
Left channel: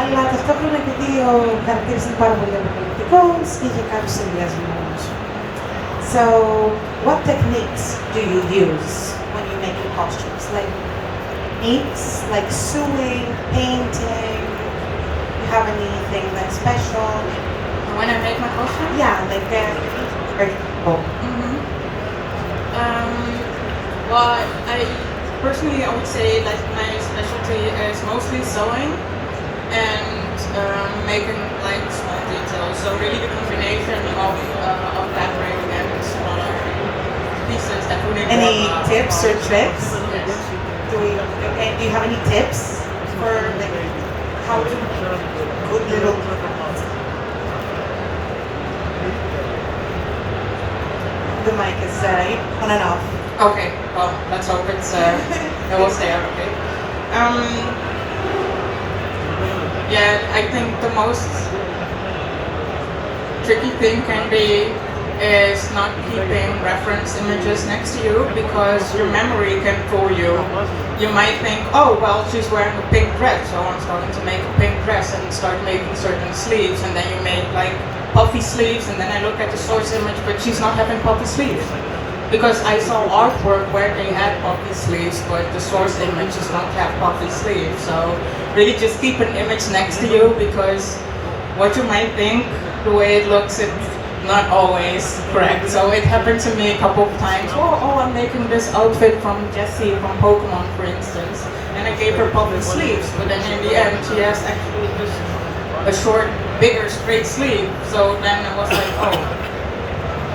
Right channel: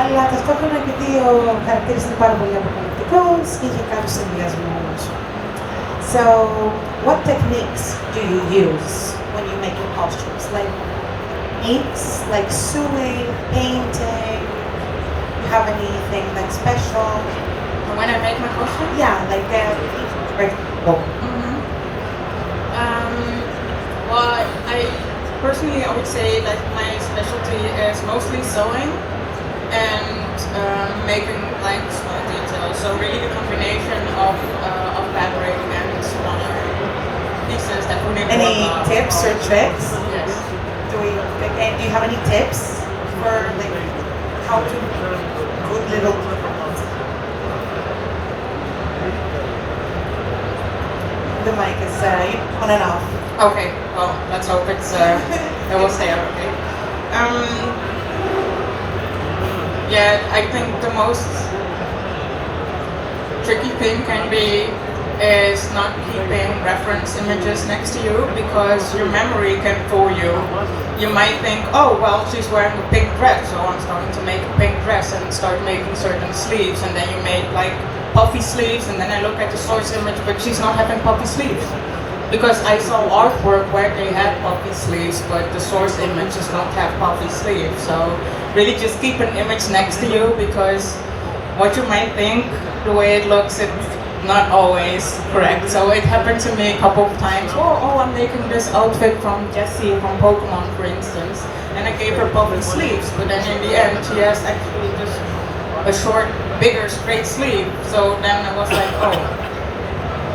Αλλά ταυτόχρονα επειδή ο χαρακτήρας είναι πάρα πολύ αποκαλυπτικός, είχε κάποιους συνδυασμούς. So, what techniques do you use when you make your costumes? Like inks, like sewing, painting? You have anything like special? When I make my costume? Yeah, like well, I personally I would say that my specialty is mostly sewing and making like small details. So really the combination of fabric and smaller pieces that would Any tips or tricks? Yes. Do you have any tips for like how to put little? The mic is on and off. Okay, well, let's hope it will stay out okay. Yeah, I think the most tricky thing can be is not keeping reference images next to you, because your memory can fool you. You might think, oh, well, she's wearing a pink dress, so I'm starting to make a pink dress and start making certain sleeves, and then you make like puffy sleeves, and then I look at the source image, but she's not having puffy sleeves. Because I saw artwork where they had puffy sleeves, but the source image does not have puffy sleeves. So really just keep an image next to you, because what you might think, the way it looks, it's not always correct. So it happened to me a couple of times. Oh, I'm making this outfit from Jessie from Pokemon, for instance, and I gave her puffy sleeves, but then in the end she has actually just a short, bigger, straight sleeve. So then I was like, oh.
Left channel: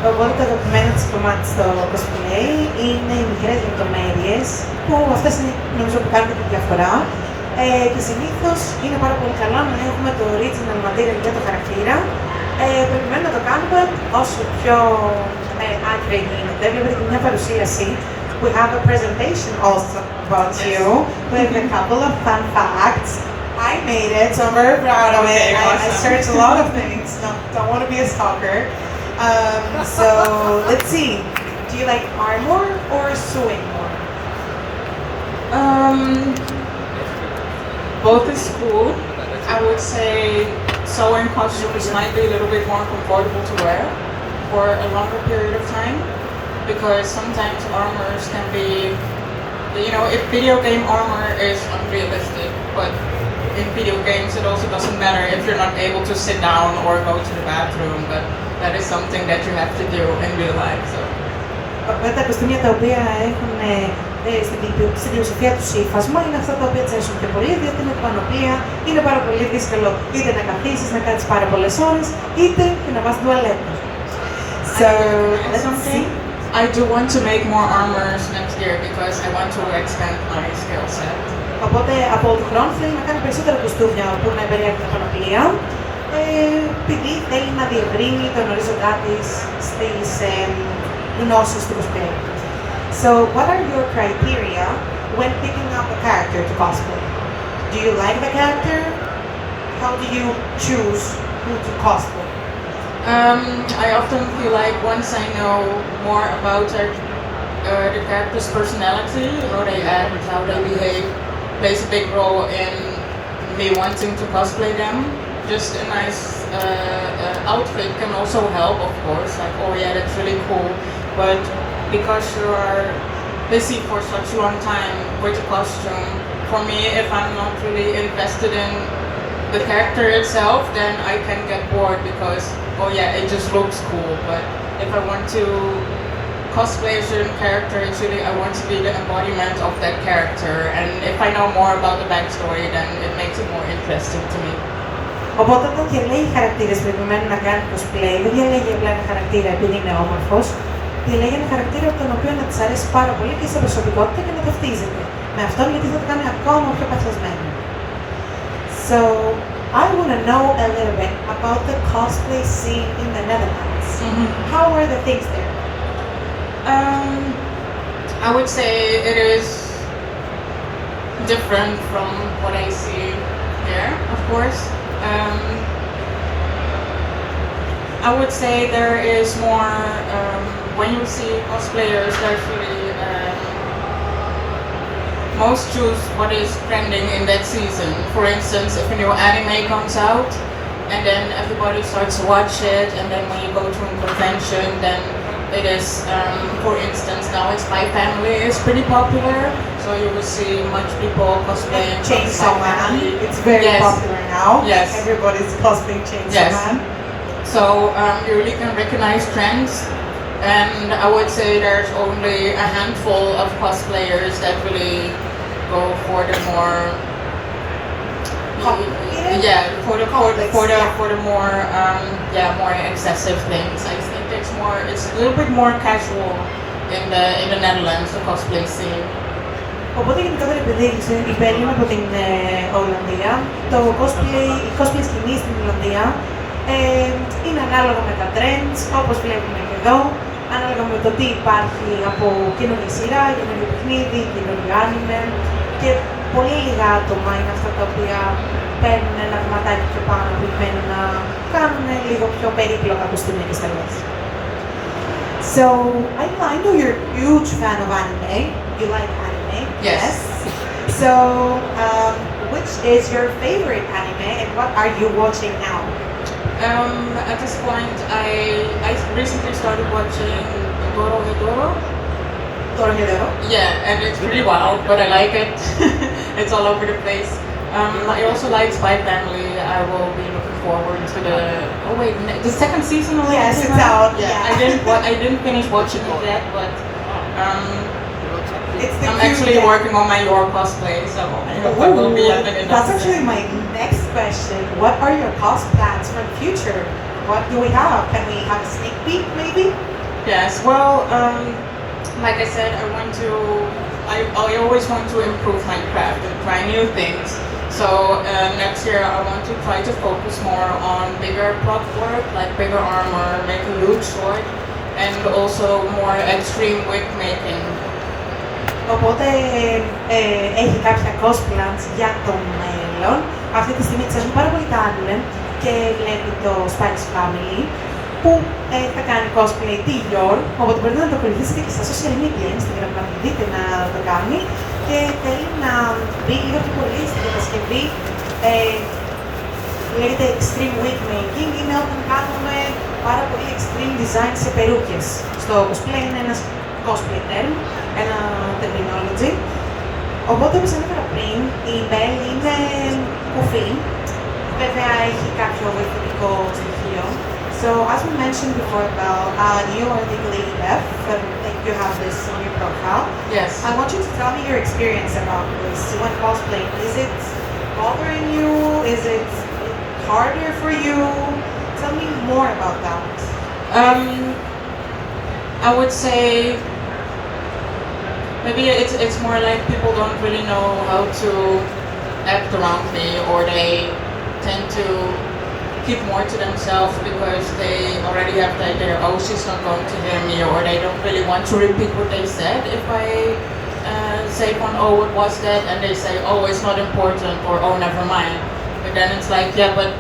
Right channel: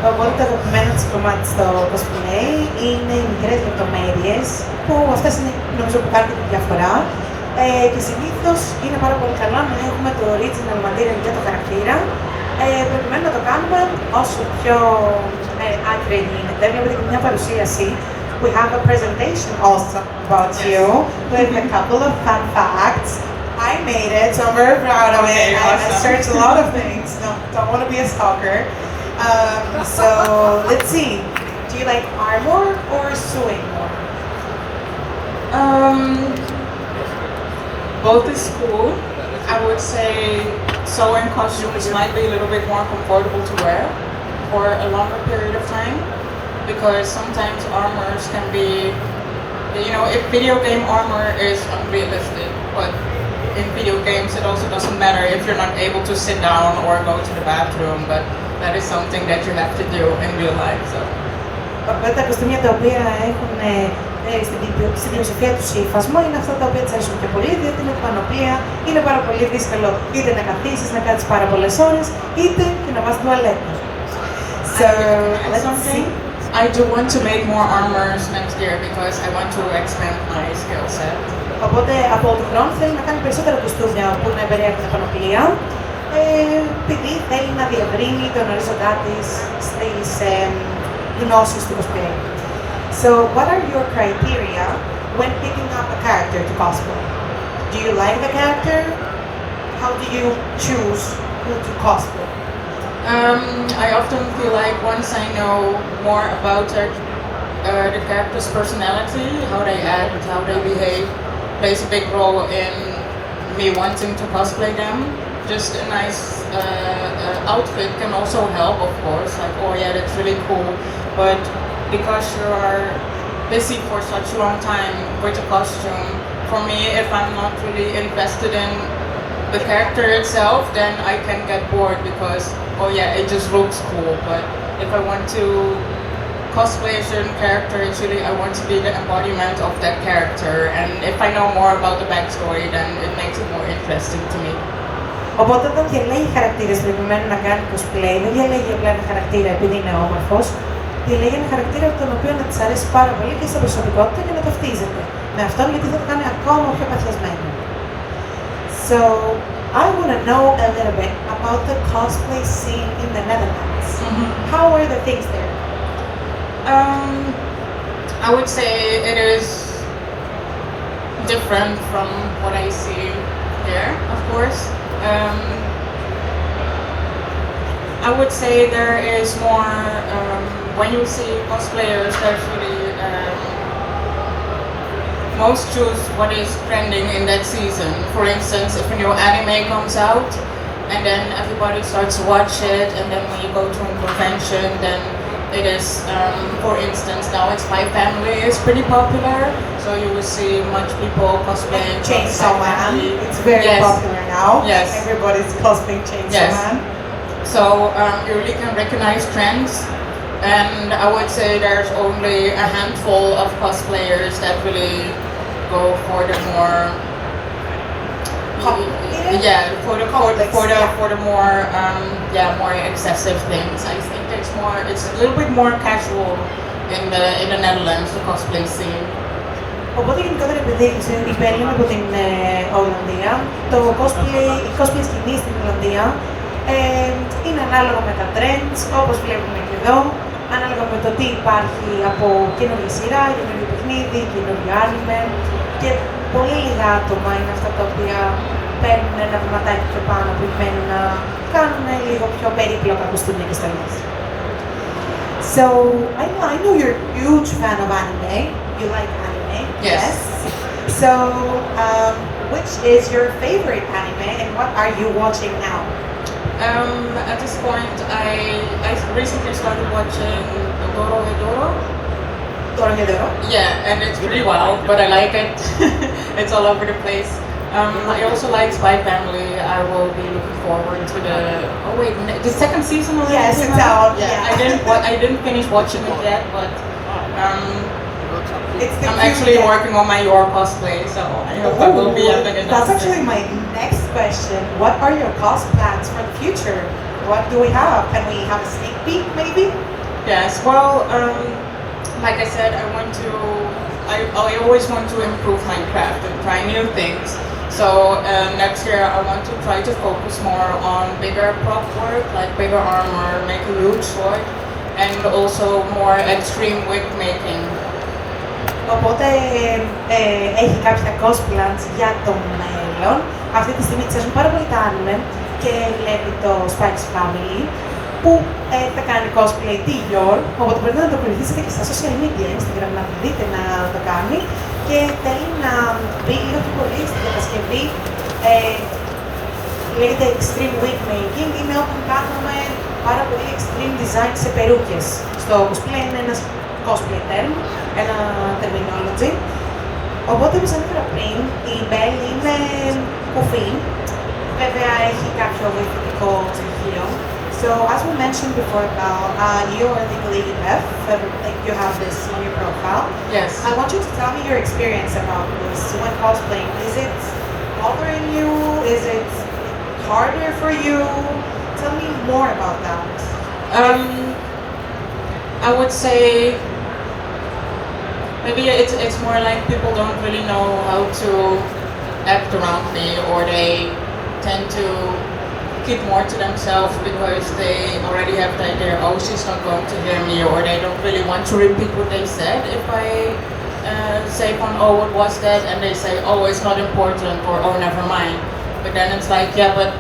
Οπότε το αγαπημένο της κομμάτι στο cosplay είναι οι μικρές λεπτομέρειες που αυτές είναι νομίζω που κάνουν τη διαφορά και συνήθως είναι πάρα πολύ καλά να έχουμε το original material για το χαρακτήρα προκειμένου να το κάνουμε όσο πιο accurate γίνεται. Βλέπετε και μια παρουσίαση. We have a presentation also about you with a couple of fun facts. I made it, so I'm very proud of it. I searched a lot of things. No, don't want to be a stalker. So let's see. Do you like armor or sewing more? Both is cool. I would say sewing costumes might be a little bit more comfortable to wear for a longer period of time, because sometimes armors can be, you know, if video game armor is unrealistic, but in video games it also doesn't matter if you're not able to sit down or go to the bathroom, but that is something that you have to do in real life. So. Τα κοστούμια τα οποία έχουν στην πλειοψηφία του ύφασμα είναι αυτά τα οποία τσέσουν πιο πολύ, διότι με πανοπλία είναι πάρα πολύ δύσκολο είτε να καθίσεις, να κάτσεις πάρα πολλές ώρες, είτε και να πας στην τουαλέτα. So, let's see. I do want to make more armors next year because I want to expand my skill set. Οπότε από τον χρόνο θέλει να κάνει περισσότερα κοστούμια που να περιέχουν την πανοπλία, επειδή θέλει να διευρύνει τον οριζοντά της στις γνώσεις του cosplay. So, what are your criteria when picking up a character to cosplay? Do you like the character? How do you choose who to cosplay? I often feel like once I know more about the character's personality, how they act, how they behave, plays a big role in me wanting to cosplay them. Just a nice outfit can also help, of course, like, oh yeah, that's really cool, but because you're busy for such a long time with a costume, for me, if I'm not really invested in the character itself, then I can get bored because, oh yeah, it just looks cool, but if I want to cosplay a certain character, actually I want to be the embodiment of that character, and if I know more about the backstory, then it makes it more interesting to me. Οπότε όταν διαλέγει χαρακτήρες προκειμένου να κάνει cosplay, δεν διαλέγει απλά ένα χαρακτήρα επειδή είναι όμορφος, διαλέγει ένα χαρακτήρα τον οποίο να της αρέσει πάρα πολύ και στην προσωπικότητα και να ταυτίζεται με αυτόν, γιατί θα το κάνει ακόμα πιο παθιασμένο. So, I want to know a little bit about the cosplay scene in the Netherlands. How are the things there? I would say it is different from what I see here, of course. I would say there is more, when you see cosplayers, there's really most choose what is trending in that season. For instance, if a new anime comes out, and then everybody starts to watch it, and then when you go to a convention, then it is, for instance, now it's Spy Family is pretty popular, so you will see much people cosplaying Chainsaw Man. It's very popular now. Yes. Everybody's cosplaying Chainsaw Man. So you really can recognize trends, and I would say there's only a handful of cosplayers that really go for the more for the more more excessive things. I think it's a little bit more casual in the Netherlands, the cosplay scene. Οπότε γενικότερα επειδή η Belle είναι από την Ολλανδία, το cosplay σκηνή στην Ολλανδία είναι ανάλογα με τα trends, όπως βλέπουμε και εδώ, ανάλογα με το τι υπάρχει από καινούργια σειρά, καινούργιο παιχνίδι, καινούργιο άνιμε και πολύ λίγα άτομα είναι αυτά τα οποία παίρνουν ένα βηματάκι και πάνω προκειμένου να κάνουν λίγο πιο περίπλοκα κοστούμια και στέλνες. So, I know you're a huge fan of anime. You like anime? Yes. So, which is your favorite anime and what are you watching now? At this point, I recently started watching Doro. Yeah, and it's pretty wild, but I like it. It's all over the place. I also like Spy Family. I will be looking forward to the second season already. Yes, it's out. Yeah, I didn't finish watching it yet, but I'm actually working on my your cosplay, so that will be a big announcement. That's actually my next question. What are your cos plans for the future? What do we have? Can we have a sneak peek, maybe? Yes. Well, like I said, I always want to improve my craft and try new things. So next year I want to try to focus more on bigger prop work, like bigger armor, make a huge sword, and also more extreme wig making. Οπότε έχει κάποια cos plans για το μέλλον. Αυτή τη στιγμή ξέρουν πάρα πολύ τα anime και βλέπει το Spy Family που θα κάνει cosplay τη Yor, οπότε πρέπει να το ακολουθήσετε και στα social media, Instagram, να δείτε να το κάνει και θέλει να μπει λίγο πιο πολύ στην κατασκευή. Λέγεται extreme wig making, είναι όπου κάνουμε πάρα πολύ extreme design σε περούκες. Στο cosplay είναι ένας cosplay term, ένα terminology. Οπότε όπως ανέφερα πριν, η Belle είναι κοφή, βέβαια έχει κάποιο διαφορετικό στοιχείο. So as we mentioned before, you are legally deaf, but you have this in your profile. Yes. I want you to tell me your experience about this with cosplay. Is it bothering you? Is it harder for you? Tell me more about that. I would say maybe it's more like people don't really know how to act around me, or they tend to keep more to themselves because they already have the idea, oh, she's not going to hear me, or they don't really want to repeat what they said. If I say, oh, what was that? And they say, oh, it's not important, or oh, never mind. But then it's like, yeah, but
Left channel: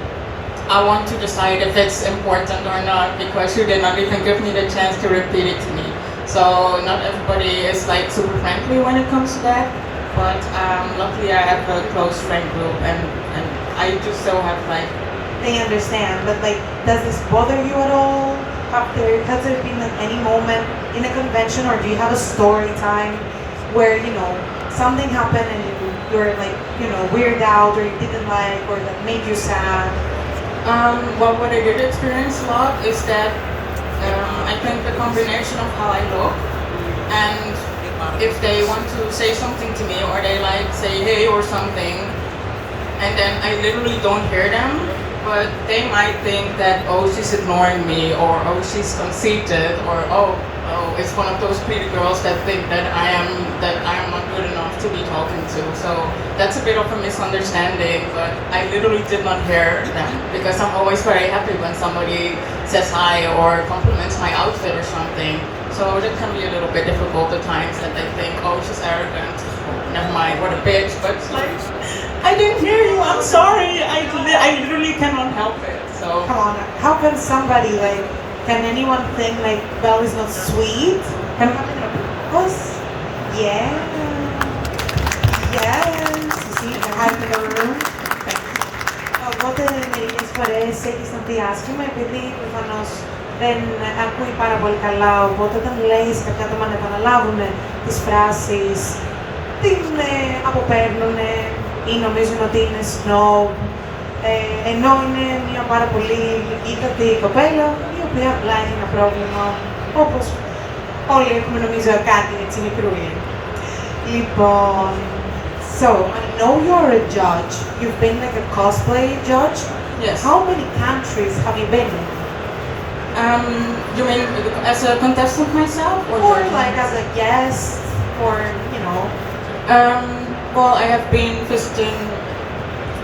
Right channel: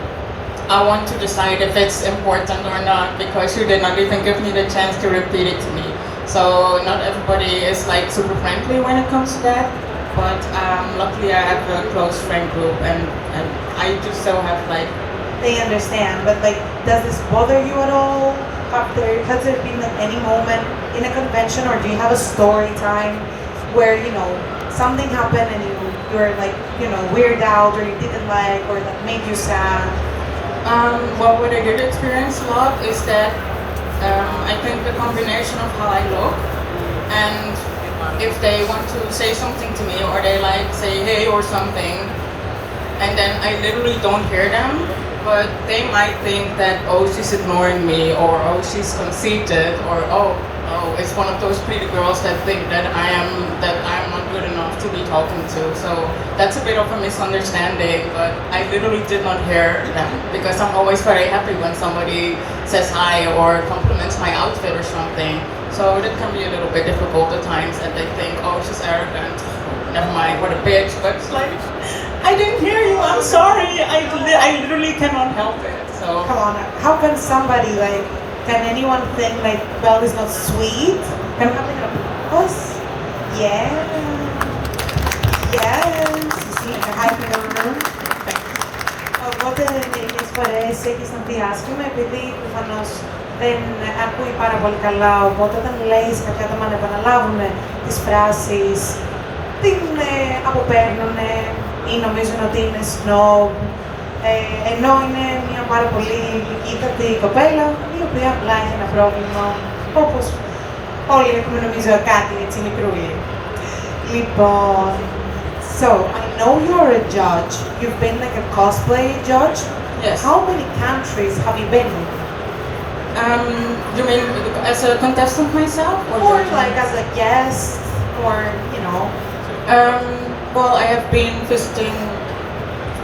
I want to decide if it's important or not because you did not even give me the chance to repeat it to me. So not everybody is like super friendly when it comes to that, but luckily I have a close friend group and I do still have like. They understand, but like, does this bother you at all? Has there been any moment in a convention, or do you have a story time where, you know, something happened and you're like, you know, weirded out, or you didn't like, or that made you sad? Well, what I did experience a lot is that I think the combination of how I look and if they want to say something to me, or they like say hey or something, and then I literally don't hear them, but they might think that, oh, she's ignoring me, or oh, she's conceited, or oh, it's one of those pretty girls that think that I'm not good enough to be talking to. So that's a bit of a misunderstanding, but I literally did not hear them because I'm always very happy when somebody says hi or compliments my outfit or something. So that can be a little bit difficult at times that they think, oh, she's arrogant. Oh, never mind, what a bitch. But it's like, I didn't hear you, I'm sorry. I literally cannot help it. So Come on, how can somebody like, can anyone think like Belle is not sweet? Can us? Yeah. Yes. You see, the high in the room. Οπότε μερικές φορές έχεις να πει άσχημα επειδή προφανώς δεν ακούει πάρα πολύ καλά, οπότε όταν λέει σε κάποια άτομα να επαναλάβουν τις φράσεις, την αποπαίρνουν ή νομίζουν ότι είναι snob, ενώ είναι μια πάρα πολύ ήτατη κοπέλα, η οποία απλά έχει ένα πρόβλημα, όπως όλοι έχουμε νομίζω κάτι έτσι μικρούλι. Λοιπόν, so, I know you're a judge. You've been like a cosplay judge? yes. How many countries have you been in? You mean as a contestant myself? Or Like as a guest, or, you know? Well, I have been visiting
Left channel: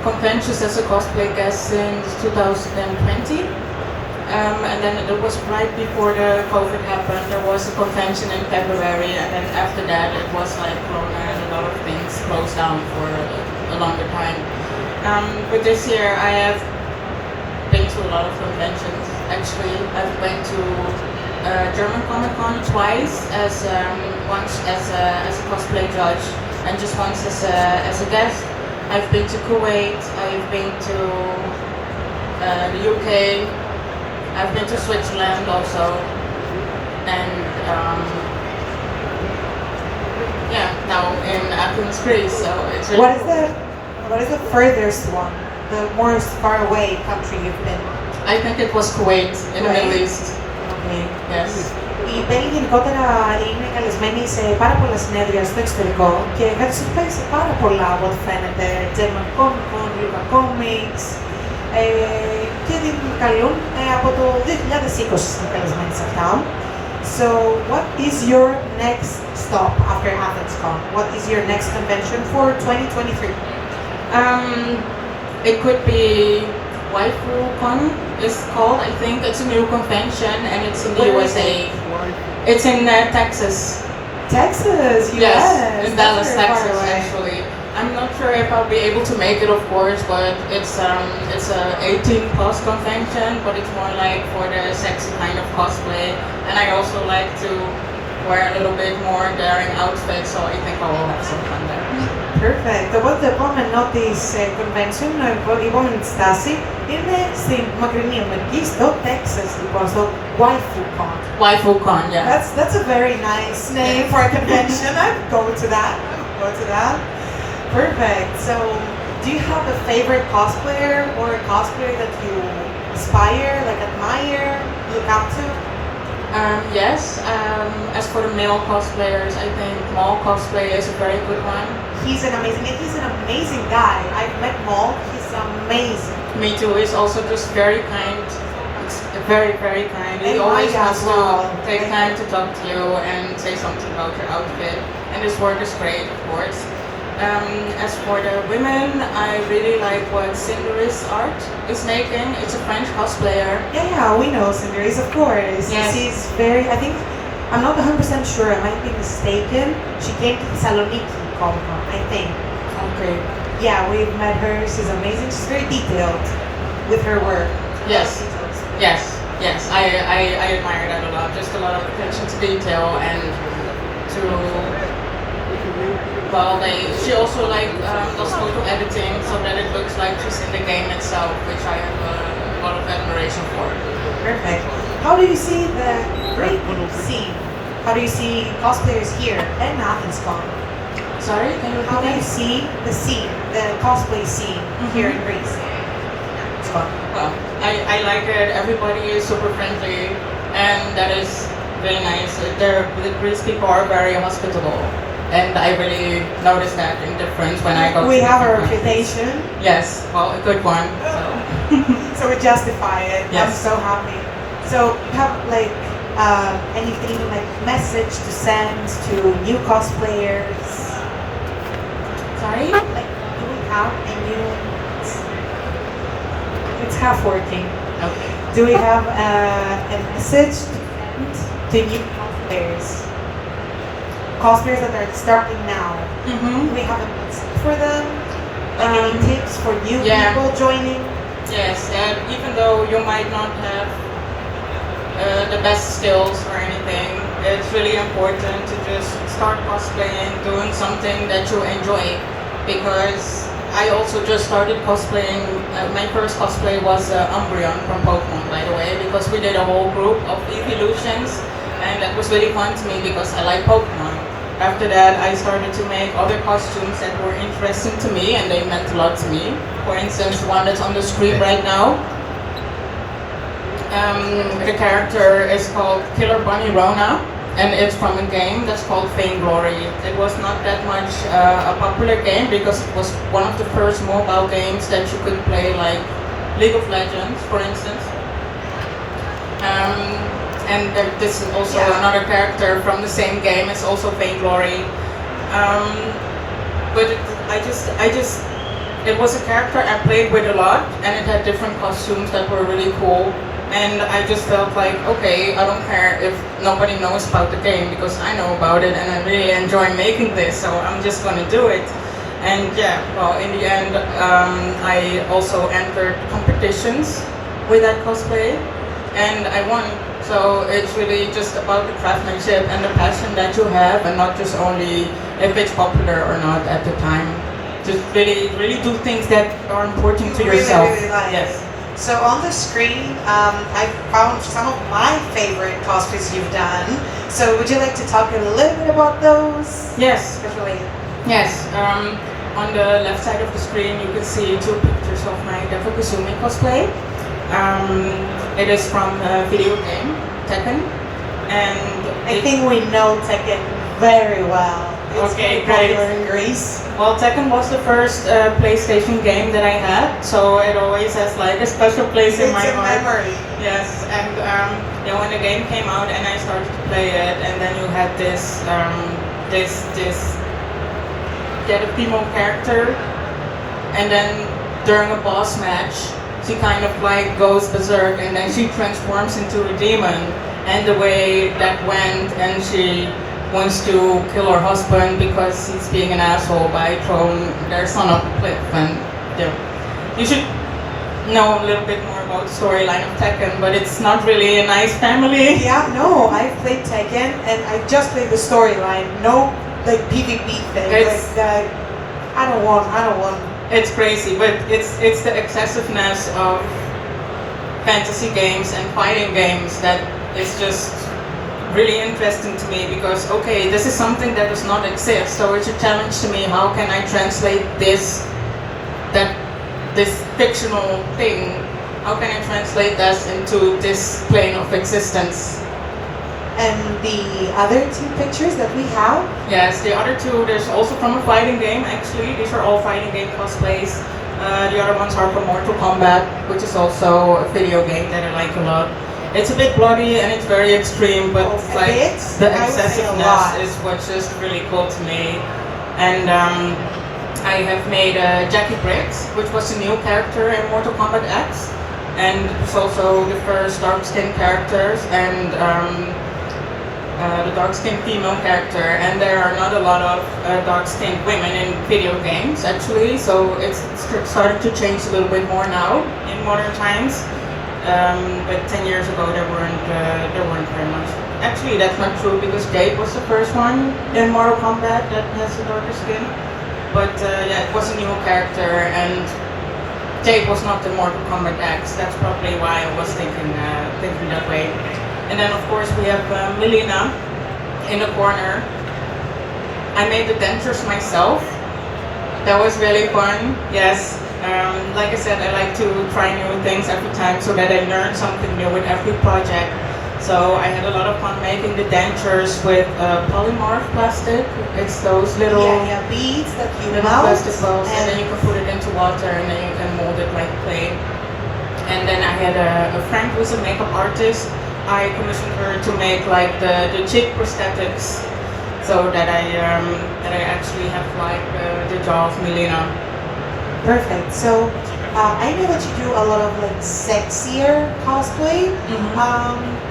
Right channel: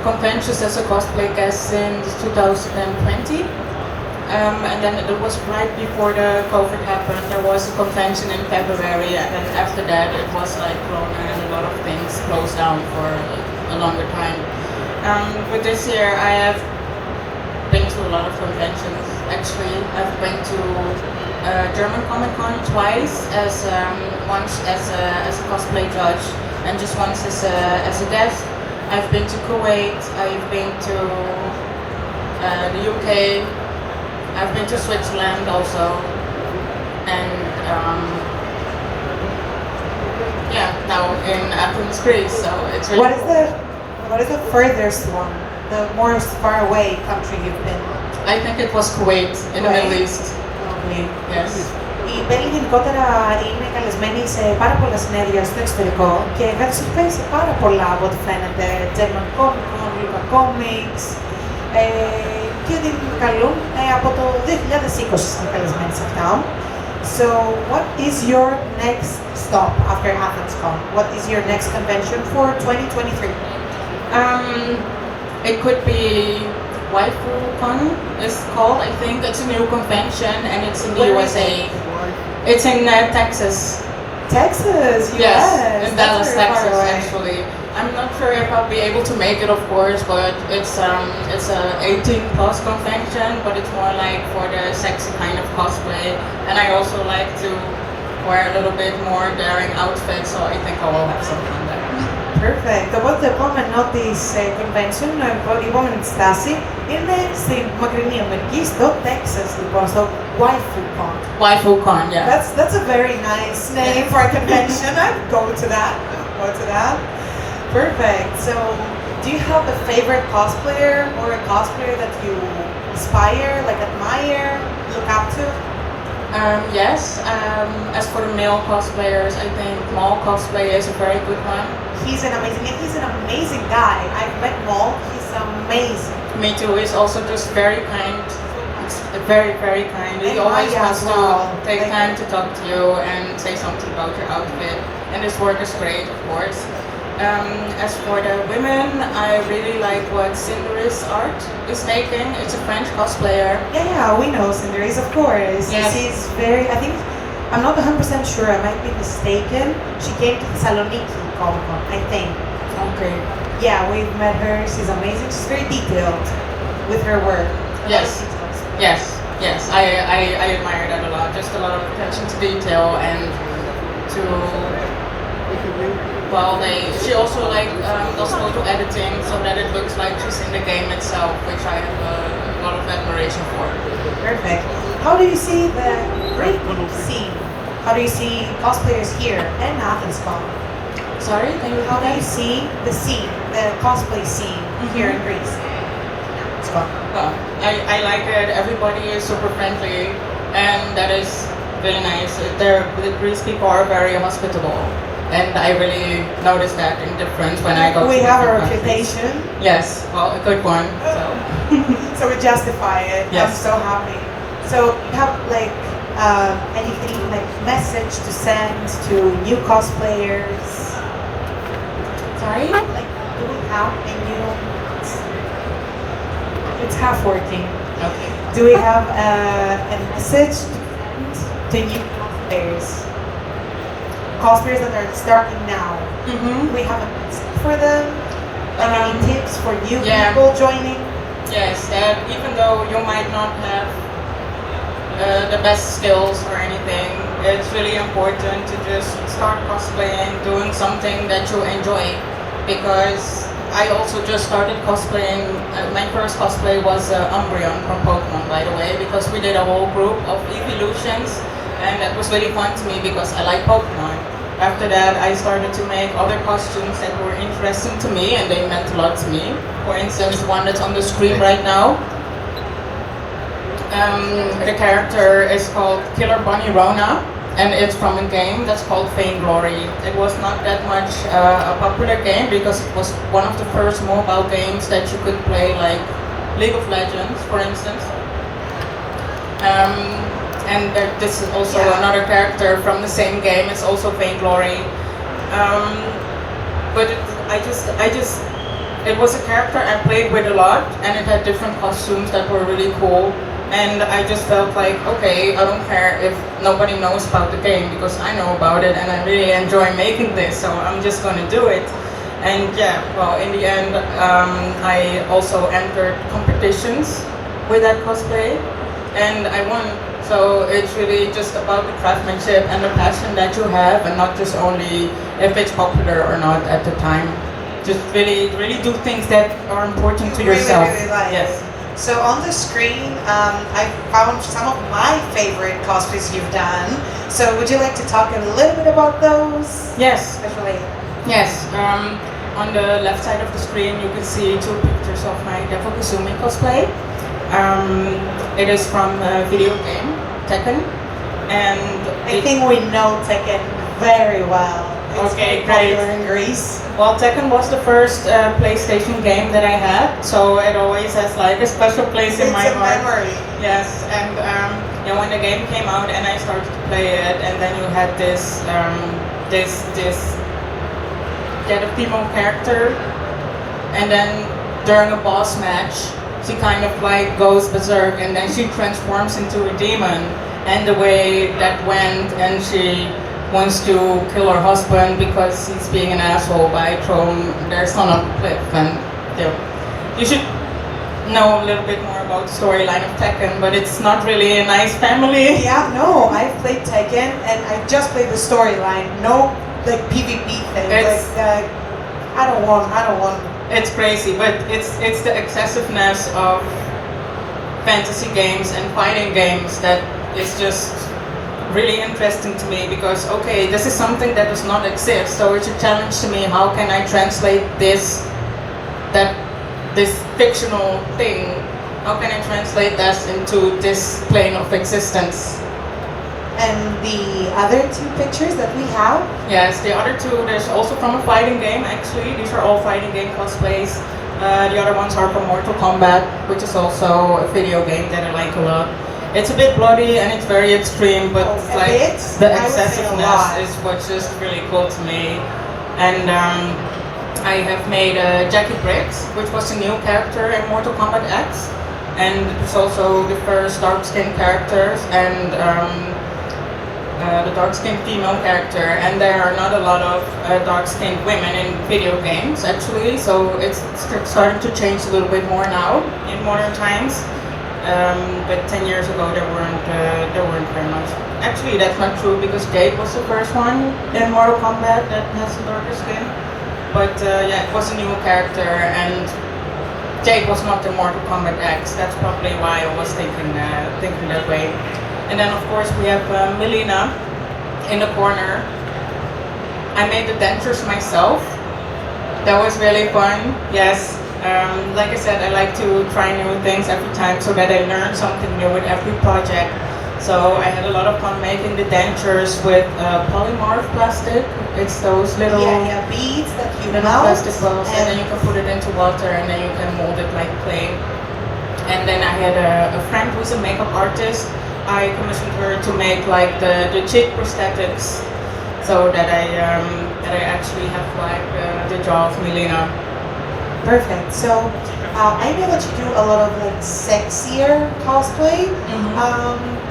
conventions as a cosplay guest since 2020. And then it was right before the COVID happened. There was a convention in February, and then after that it was like Corona and a lot of things closed down for a longer time. But this year I have been to a lot of conventions. Actually, I've been to German Comic Con twice, once as a cosplay judge, and just once as a guest. I've been to Kuwait. I've been to the UK. I've been to Switzerland also, and now in Athens, Greece. So it's really What is the furthest one, the most far away country you've been? I think it was Kuwait in the Middle East. Okay. Yes. Η Belle γενικότερα είναι καλεσμένη σε πάρα πολλά συνέδρια στο εξωτερικό και χρησιμοποιεί σε πάρα πολλά από ό,τι φαίνεται. German Comic Con, Lipa Comics και ότι καλούν από το 2020 είναι καλεσμένη σε αυτά. So, what is your next stop after AthensCon? What is your next convention for 2023? It could be WaifuCon is called. I think it's a new convention and it's in the USA. It's in Texas. Texas, Yes, in that's Dallas, very far Texas. away. Actually, I'm not sure if I'll be able to make it, of course, but it's a 18+ convention, but it's more like for the sexy kind of cosplay, and I also like to wear a little bit more daring outfits, so I think I will have something there. Perfect. Οπότε το επόμενο της convention, η επόμενη της στάση, είναι στην μακρινή Αμερική, στο Texas, λοιπόν, στο WaifuCon. WaifuCon, yeah. That's a very nice name for a convention. I'd go to that. Perfect. So, do you have a favorite cosplayer or a cosplayer that you aspire, like admire, look up to? Yes. As for the male cosplayers, I think Maul Cosplay is a very good one. He's an amazing guy. I've met Maul. He's amazing. Me too. He's also just very kind. Very, very kind. He always wants to take time to talk to you and say something about your outfit. And his work is great, of course. As for the women, I really like what Cindery's art is making. It's a French cosplayer. Yeah, we know Cindery's, of course. Yes. She's very, I think, I'm not 100% sure, I might be mistaken. She came to Thessaloniki, I think. Okay. Yeah, we've met her. She's amazing. She's very detailed with her work. Yes. Yes. I admire that a lot. Just a lot of attention to detail and to she also does photo editing so that it looks like she's in the game itself, which I have a lot of admiration for. Perfect. How do you see the Greek scene? How do you see cosplayers here in AthensCon? Sorry? How do you see the scene, the cosplay scene here in Greece? Well, I like it. Everybody is super friendly, and that is really nice. The Greece people are very hospitable, and I really notice that in difference when I go. We have a reputation. Yes, well, a good one. So we justify it. Yes. I'm so happy. So you have anything like message to send to new cosplayers? Sorry? Like, do we have any? It's half working. Okay. Do we have a message to new cosplayers? cosplayers. Cosplayers that are starting now. We have a tip for them. Any tips for new people joining? Yes, even though you might not have the best skills or anything, it's really important to just start cosplaying, doing something that you enjoy. Because I also just started cosplaying. My first cosplay was Umbreon from Pokemon, by the way, because we did a whole group of evolutions, and that was really fun to me because I like Pokemon. After that, I started to make other costumes that were interesting to me, and they meant a lot to me. For instance, one that's on the screen right now. The character is called Killer Bunny Rona, and it's from a game that's called Vainglory. It was not that much a popular game because it was one of the first mobile games that you could play, like League of Legends, for instance. And this is also another character from the same game. It's also Vainglory. But it was a character I played with a lot, and it had different costumes that were really cool. And I just felt like, okay, I don't care if nobody knows about the game because I know about it and I really enjoy making this, so I'm just going to do it. And yeah, well, in the end, I also entered competitions with that cosplay, and I won. So it's really just about the craftsmanship and the passion that you have, and not just only if it's popular or not at the time. Just really do things that are important to yourself. Really like. Yes. So on the screen, I found some of my favorite cosplays you've done. So would you like to talk a little bit about those? Yes. Especially. Yes. On the left side of the screen, you can see two pictures of my Devil Kazumi cosplay. It is from the video game Tekken, and I think we know Tekken very well. It's okay, very popular great. in Greece. Well, Tekken was the first PlayStation game that I had, so it always has like a special place in my heart. It's a memory. Yes, and when the game came out and I started to play it, and then you had this female character, and then during a boss match, she kind of like goes berserk, and then she transforms into a demon, and the way that went, and she wants to kill her husband because he's being an asshole by throwing their son off a cliff. And yeah, you should know a little bit more about the storyline of Tekken, but it's not really a nice family. Yeah, no, I've played Tekken and I just played the storyline. No, like PvP thing. It's like, I don't want. It's crazy, but it's the excessiveness of fantasy games and fighting games that is just really interesting to me, because okay, this is something that does not exist, so it's a challenge to me. How can I translate this fictional thing? How can I translate that into this plane of existence? And the other two pictures that we have? Yes, the other two, there's also from a fighting game actually. These are all fighting game cosplays. The other ones are from Mortal Kombat, which is also a video game that I like a lot. It's a bit bloody and it's very extreme, but like the excessiveness is what's just really cool to me. And I have made Jackie Briggs, which was a new character in Mortal Kombat X, and it's also the first dark-skinned characters and the dark-skinned female character. And there are not a lot of dark-skinned women in video games actually, so it's starting to change a little bit more now in modern times. But 10 years ago there weren't very much. Actually, that's not true because Jade was the first one in Mortal Kombat that has a darker skin. But yeah, it was a new character, and Jade was not the Mortal Kombat X. That's probably why I was thinking that way. And then of course we have Melina in the corner. I made the dentures myself. That was really fun. Yes. Like I said, I like to try new things every time so that I learn something new with every project. So I had a lot of fun making the dentures with polymorph plastic. It's those little beads that you plastic balls, and then you can put it into water and then you can mold it like clay. And then I had a friend who's a makeup artist. I commissioned her to make like the cheek prosthetics, so that I actually have like the jaw of Melina. Perfect. So I know that you do a lot of like sexier cosplay.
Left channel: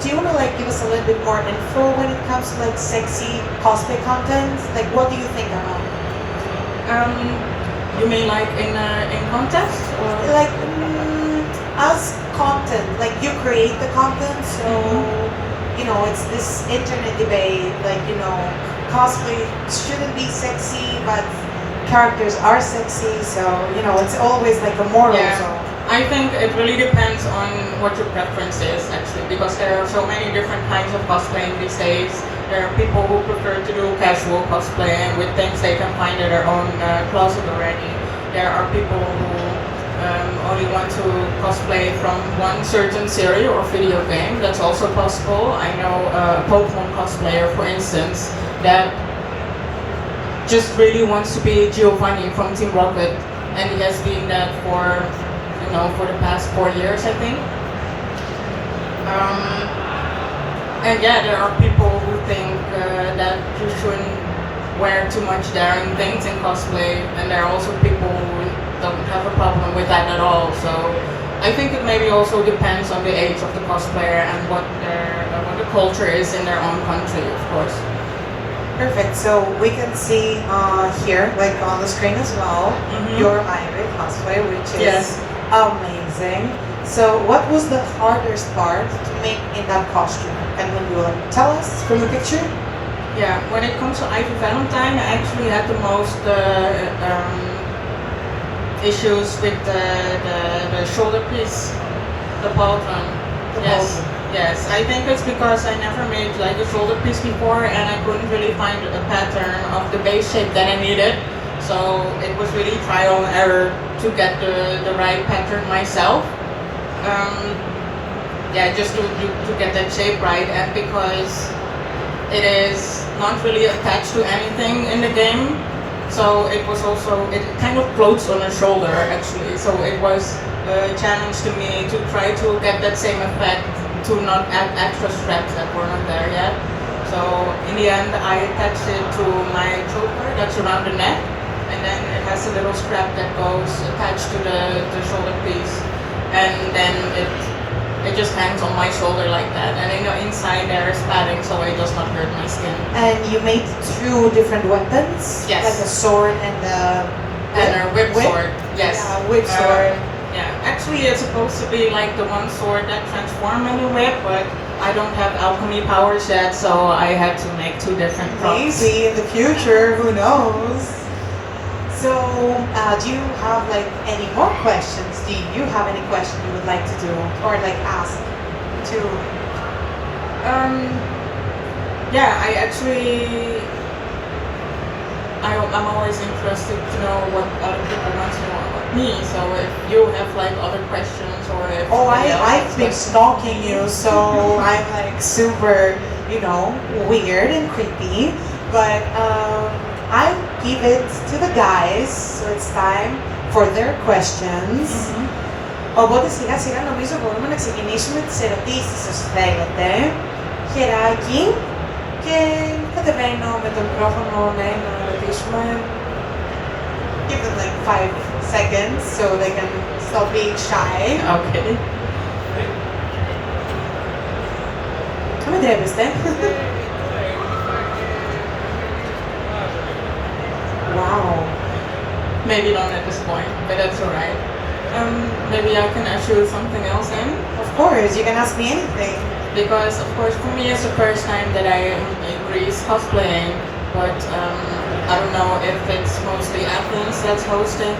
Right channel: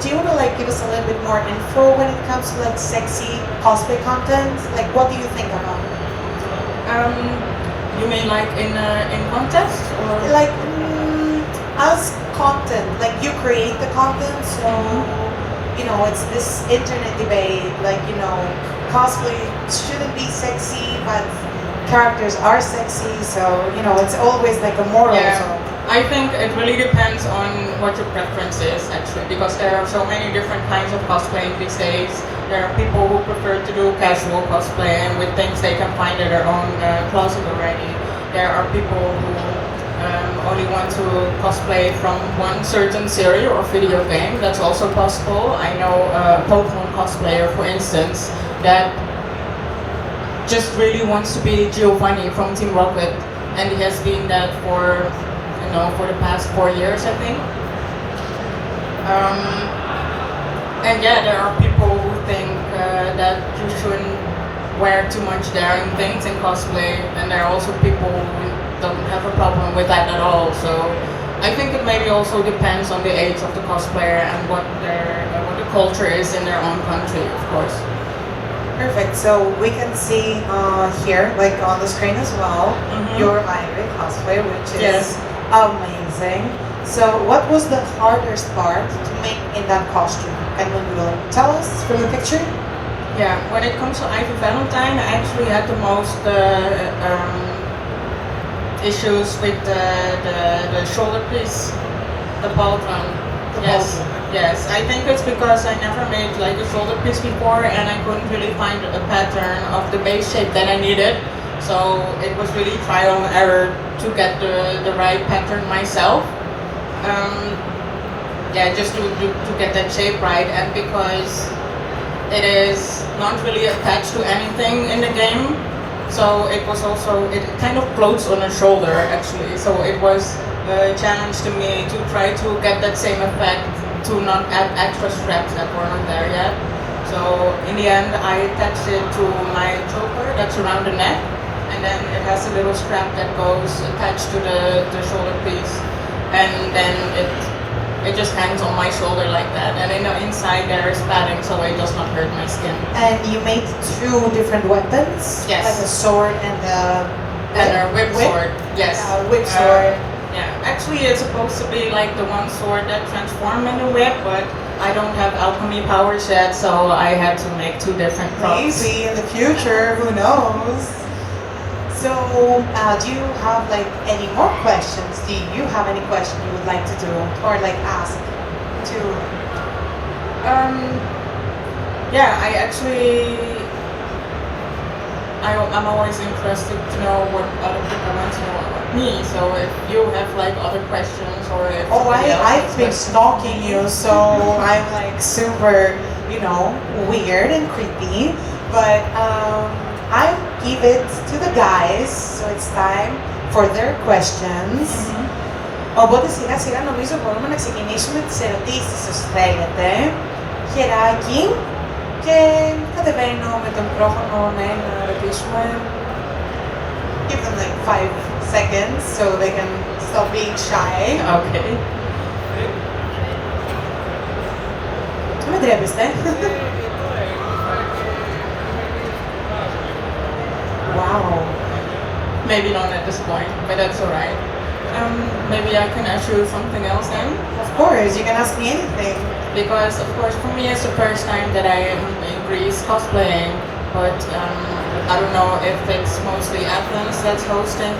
Do you want to like give us a little bit more info when it comes to like sexy cosplay content? Like, what do you think about it? You mean like in context or Like as content, like you create the content, so you know it's this internet debate. Like cosplay shouldn't be sexy, but characters are sexy, so it's always like a moral zone. I think it really depends on what your preference is actually, because there are so many different kinds of cosplaying these days. There are people who prefer to do casual cosplaying with things they can find in their own closet already. There are people who only want to cosplay from one certain series or video game. That's also possible. I know a Pokemon cosplayer, for instance, that just really wants to be Giovanni from Team Rocket, and he has been that for the past 4 years, I think. And yeah, there are people who think that you shouldn't wear too much daring things in cosplay, and there are also people who don't have a problem with that at all. So I think it maybe also depends on the age of the cosplayer and what the culture is in their own country, of course. Perfect. So we can see here, like on the screen as well, your hybrid cosplay, which is amazing. So what was the hardest part to make in that costume? And when you will tell us from the picture? Yeah, when it comes to Ivy Valentine, I actually had the most issues with the shoulder piece, the pauldron. Yes, I think it's because I never made like a shoulder piece before, and I couldn't really find a pattern of the base shape that I needed. So it was really trial and error to get the right pattern myself. Just to get that shape right, and because it is not really attached to anything in the game, so it was also, it kind of floats on a shoulder actually. So it was a challenge to me to try to get that same effect, to not add extra straps that were not there yet. So in the end, I attached it to my choker that's around the neck, and then it has a little strap that goes attached to the shoulder piece, and then it just hangs on my shoulder like that. And inside there is padding, so it does not hurt my skin. And you made 2 different weapons? Yes. Like a sword and a whip sword. Yes. Whip sword. Yeah, actually it's supposed to be like the one sword that transforms into a whip, but I don't have alchemy powers yet, so I had to make 2 different props. Maybe in the future, who knows? So, do you have like any more questions? Do you have any question you would like to do or like ask to? I'm always interested to know what other people want to know about me. So if you have like other questions or if I've been stalking you, so I'm like super, weird and creepy. But I'll give it to the guys, so it's time for their questions. Οπότε σιγά σιγά νομίζω μπορούμε να ξεκινήσουμε τις ερωτήσεις όσοι θέλετε. Χεράκι και κατεβαίνω με το μικρόφωνο να ρωτήσουμε. Give them like 5 seconds so they can stop being shy. Okay. Με τρέπεστε. Wow. Maybe not at this point, but that's alright. Maybe I can ask you something else then? Of course, you can ask me anything. Because, of course, for me it's the first time that I am in Greece cosplaying, but I don't know if it's mostly Athens that's hosting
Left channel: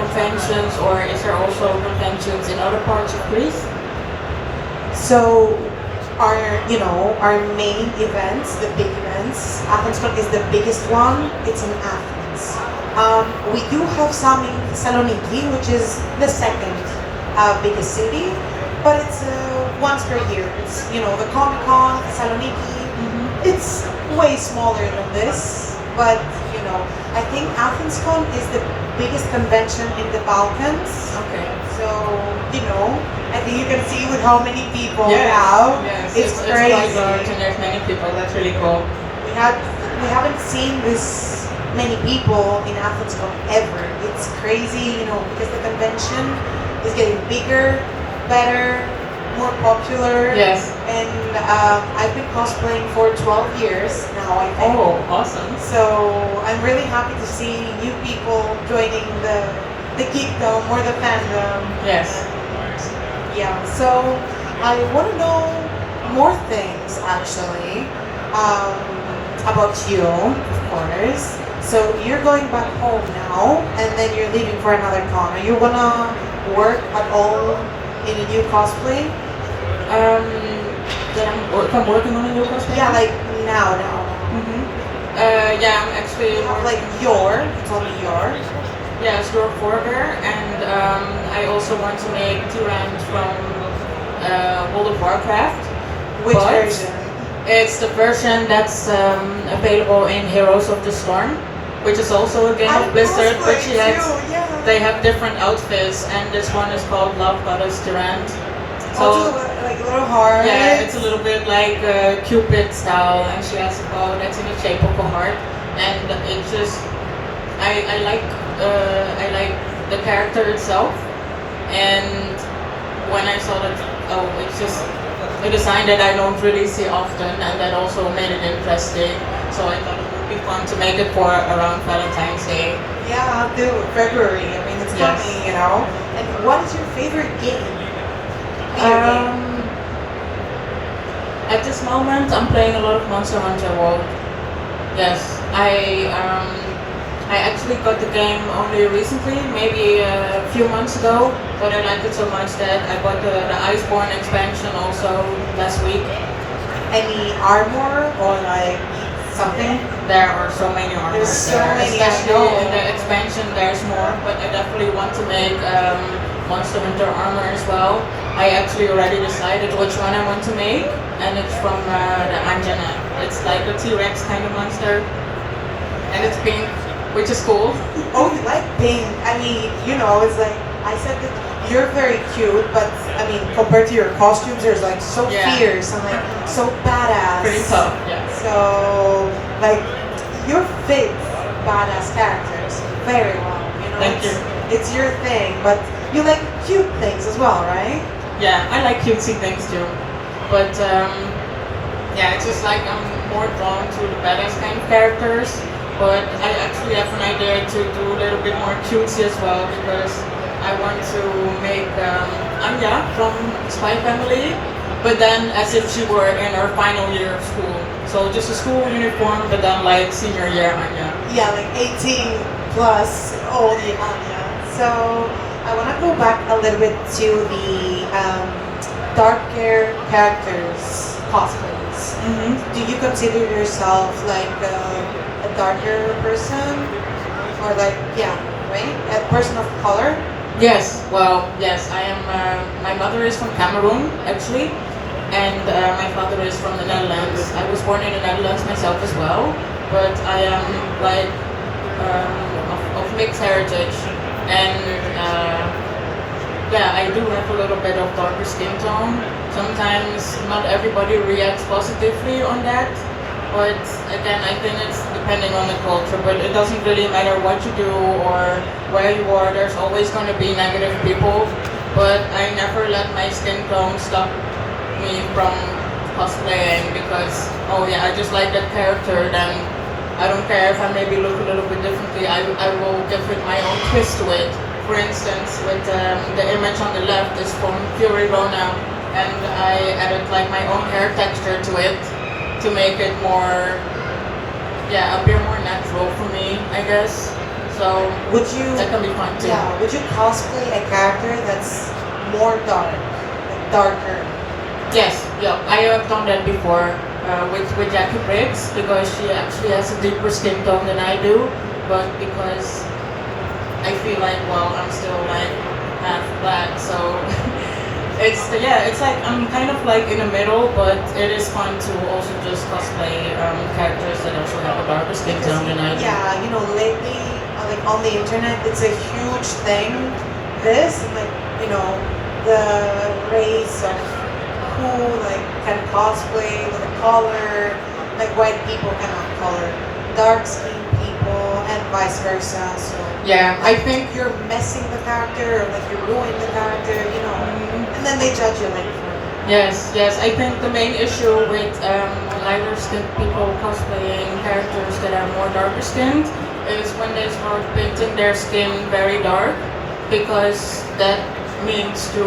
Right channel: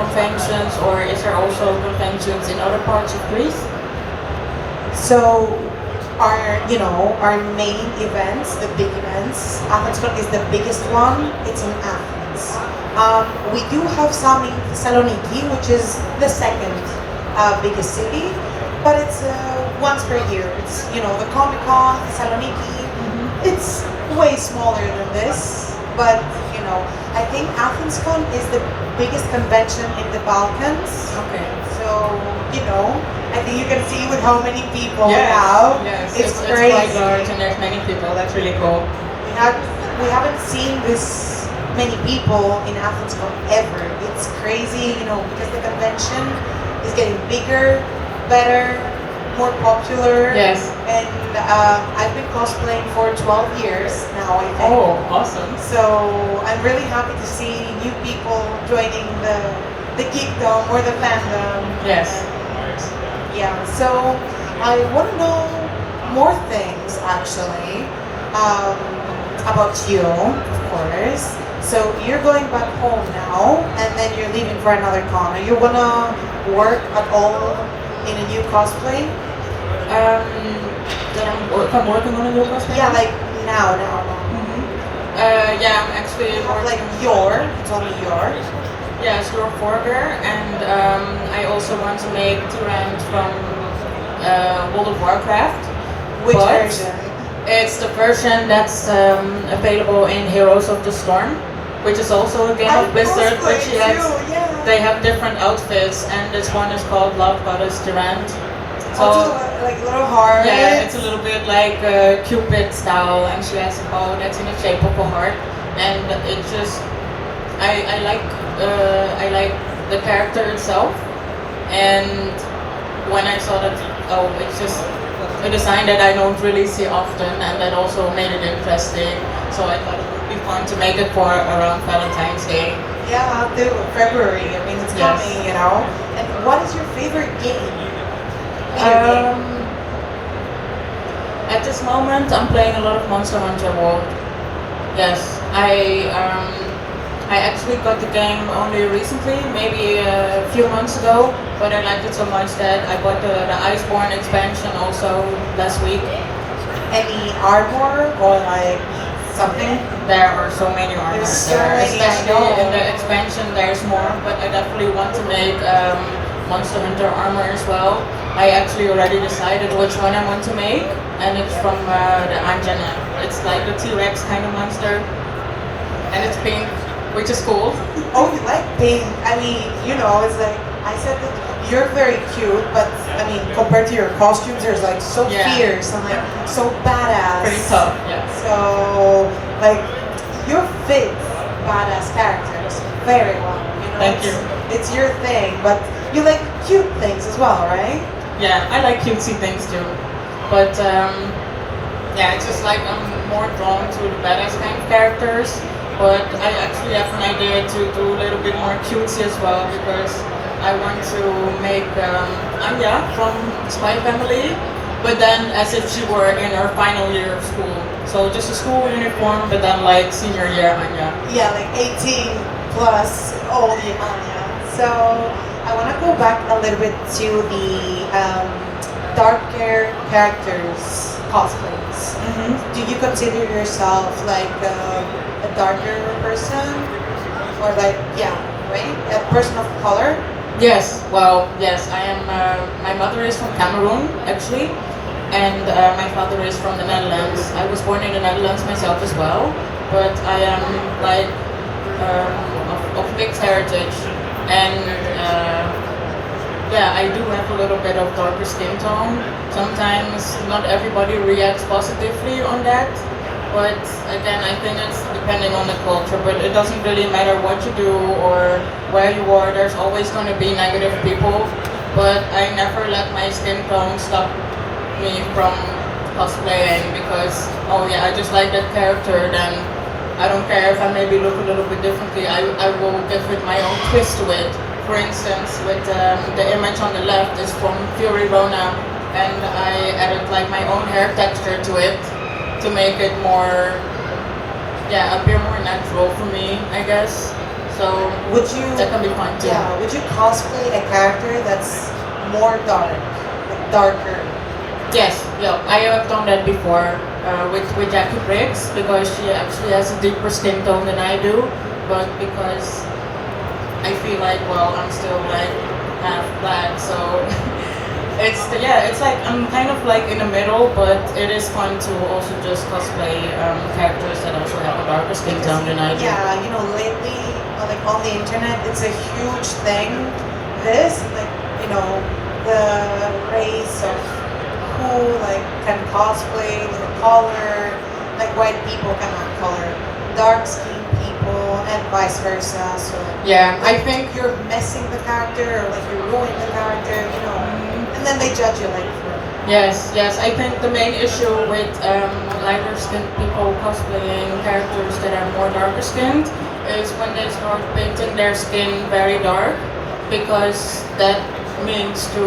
conventions, or is there also conventions in other parts of Greece? So, our main events, the big events, AthensCon is the biggest one. It's in Athens. We do have some in Thessaloniki, which is the second biggest city, but it's once per year. It's the Comic-Con, Thessaloniki. It's way smaller than this, but I think AthensCon is the biggest convention in the Balkans. Okay. So I think you can see with how many people we have. Yes, it's crazy. Quite large and there's many people. That's really cool. We haven't seen this many people in AthensCon ever. It's crazy, you know, because the convention is getting bigger, better, more popular. Yes. And I've been cosplaying for 12 years now, I think. Oh, awesome. So I'm really happy to see new people joining the geekdom or the fandom. Yes. Yeah, so I want to know more things actually about you, of course. So you're going back home now, and then you're leaving for another con. Are you gonna work at all in a new cosplay? If I'm working on a new cosplay? Yeah, like now. Yeah, I'm actually Like you told me your. Yes, you're Forger, and I also want to make Tyrant from World of Warcraft. Which But version? It's the version that's available in Heroes of the Storm, which is also a game of Blizzard, which they have different outfits, and this one is called Love Goddess Tyrant. So, like little heart. yeah, it's a little bit like Cupid style, and she has a bow that's in the shape of a heart, and it just, I like the character itself, and when I saw that, it's just a design that I don't really see often, and that also made it interesting. So I thought it would be fun to make it for around Valentine's Day. Yeah, I'll do it. February. I mean, it's Yes. coming, you know. And what is your favorite game? At this moment, I'm playing a lot of Monster Hunter World. Yes, I actually got the game only recently, maybe a few months ago, but I liked it so much that I bought the Iceborne expansion also last week. Any armor or like something? There are so many armors There's so there, many, I especially know. in the expansion there's more, but I definitely want to make Monster Hunter armor as well. I actually already decided which one I want to make, and it's from the Anjana. It's like a T-Rex kind of monster, and it's pink, which is cool. Oh, you like pink? I mean, you know, it's like I said that you're very cute, but I mean, compared to your costumes, you're like so fierce and like so badass. Pretty tough, yeah. So, like, you fit badass characters very well. You know, Thank you. It's your thing, but you like cute things as well, right? Yeah, I like cutesy things too, but yeah, it's just like I'm more drawn to the badass kind of characters. But I actually have an idea to do a little bit more cutesy as well, because I want to make Anya from Spy Family, but then as if she were in her final year of school. So just a school uniform, but then like senior year Anya. Yeah, like 18 plus old Anya. So I want to go back a little bit to the darker characters cosplays. Do you consider yourself like a darker person, or like right, a person of color? Yes, well, yes, I am. My mother is from Cameroon, actually, and my father is from the Netherlands. I was born in the Netherlands myself as well, but I am like of mixed heritage, and yeah, I do have a little bit of darker skin tone. Sometimes not everybody reacts positively on that. But again, I think it's depending on the culture, but it doesn't really matter what you do or where you are, there's always going to be negative people. But I never let my skin tone stop me from cosplaying, because, oh yeah, I just like that character, then I don't care if I maybe look a little bit differently, I will give it my own twist to it. For instance, with the image on the left is from Fury Rona, and I added like my own hair texture to it, to make it more, appear more natural for me, I guess. So that can be fun too. Yeah, would you cosplay a character that's more dark, like darker? Yes, yeah, I have done that before with Jackie Briggs, because she actually has a deeper skin tone than I do, but because I feel like, well, I'm still like half black, so it's like I'm kind of like in the middle, but it is fun to also just cosplay characters that also have a darker skin tone than I do. Yeah, you know, lately, like on the internet, it's a huge thing. This, like, you know, the race of who like can cosplay with a color, like white people cannot color, dark skinned people and vice versa. So Yeah, I think you're messing the character, or like you're ruining the character, you know, and then they judge you like for it. yes. I think the main issue with lighter skinned people cosplaying characters that are more darker skinned is when they start painting their skin very dark, because that means to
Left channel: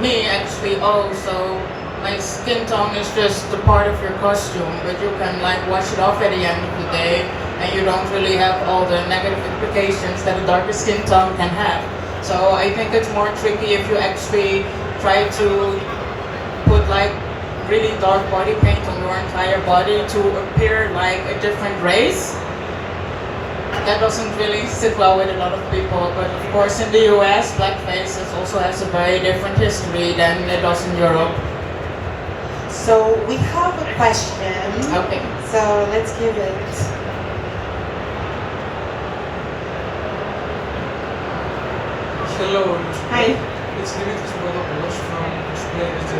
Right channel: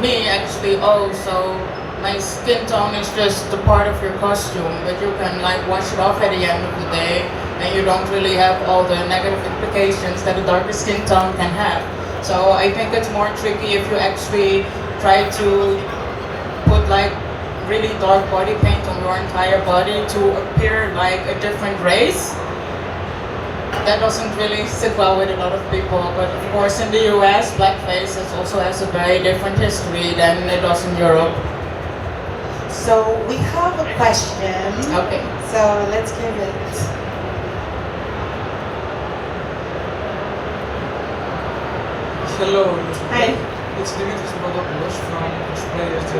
me actually, oh, so my skin tone is just a part of your costume, but you can like wash it off at the end of the day, and you don't really have all the negative implications that a darker skin tone can have. So I think it's more tricky if you actually try to put like really dark body paint on your entire body to appear like a different race. That doesn't really sit well with a lot of people, but of course in the US, blackface also has a very different history than it does in Europe. So we have a question. Okay. So let's give it. Hello. Hi. It's Dimitris Modopoulos from Cosplayers.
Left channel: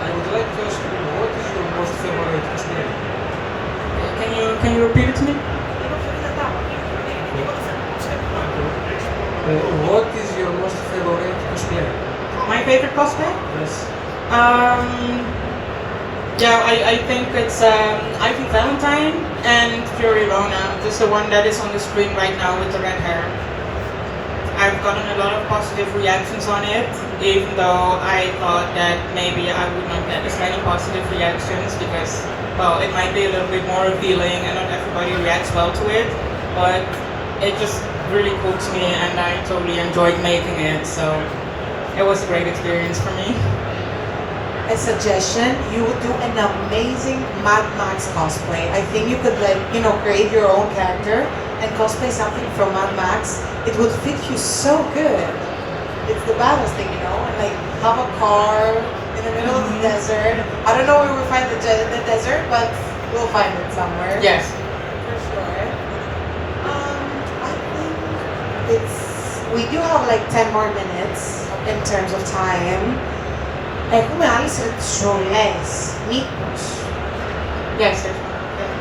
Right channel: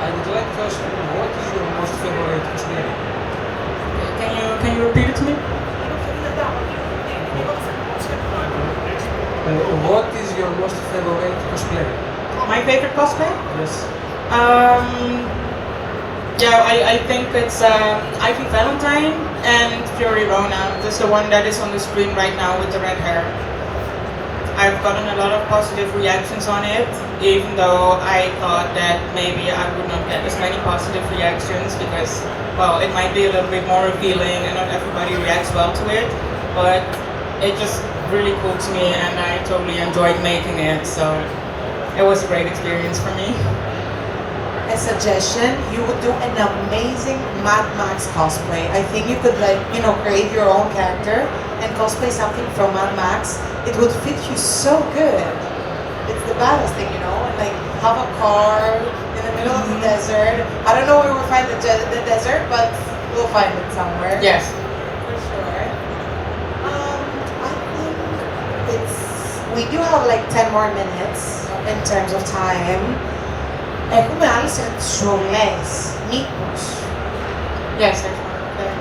I would like to ask you, what is your most favorite cosplay? Can you repeat it to me? What is your most favorite cosplay? My favorite cosplay? Yes. I think it's Ivy Valentine and Fury Rona. Just the one that is on the screen right now with the red hair. I've gotten a lot of positive reactions on it, even though I thought that maybe I wouldn't get as many positive reactions because, well, it might be a little bit more revealing and not everybody reacts well to it, but it just really cool to me and I totally enjoyed making it, so it was a great experience for me. A suggestion, you would do an amazing Mad Max cosplay. I think you could create your own character and cosplay something from Mad Max. It would fit you so good. It's the baddest thing, like have a car in the middle of the desert. I don't know where we'll find the desert, but we'll find it somewhere. Yes. For sure. I think we do have like 10 more minutes in terms of time. Έχουμε άλλες ερωτησούλες, μήπως? Yes. Okay.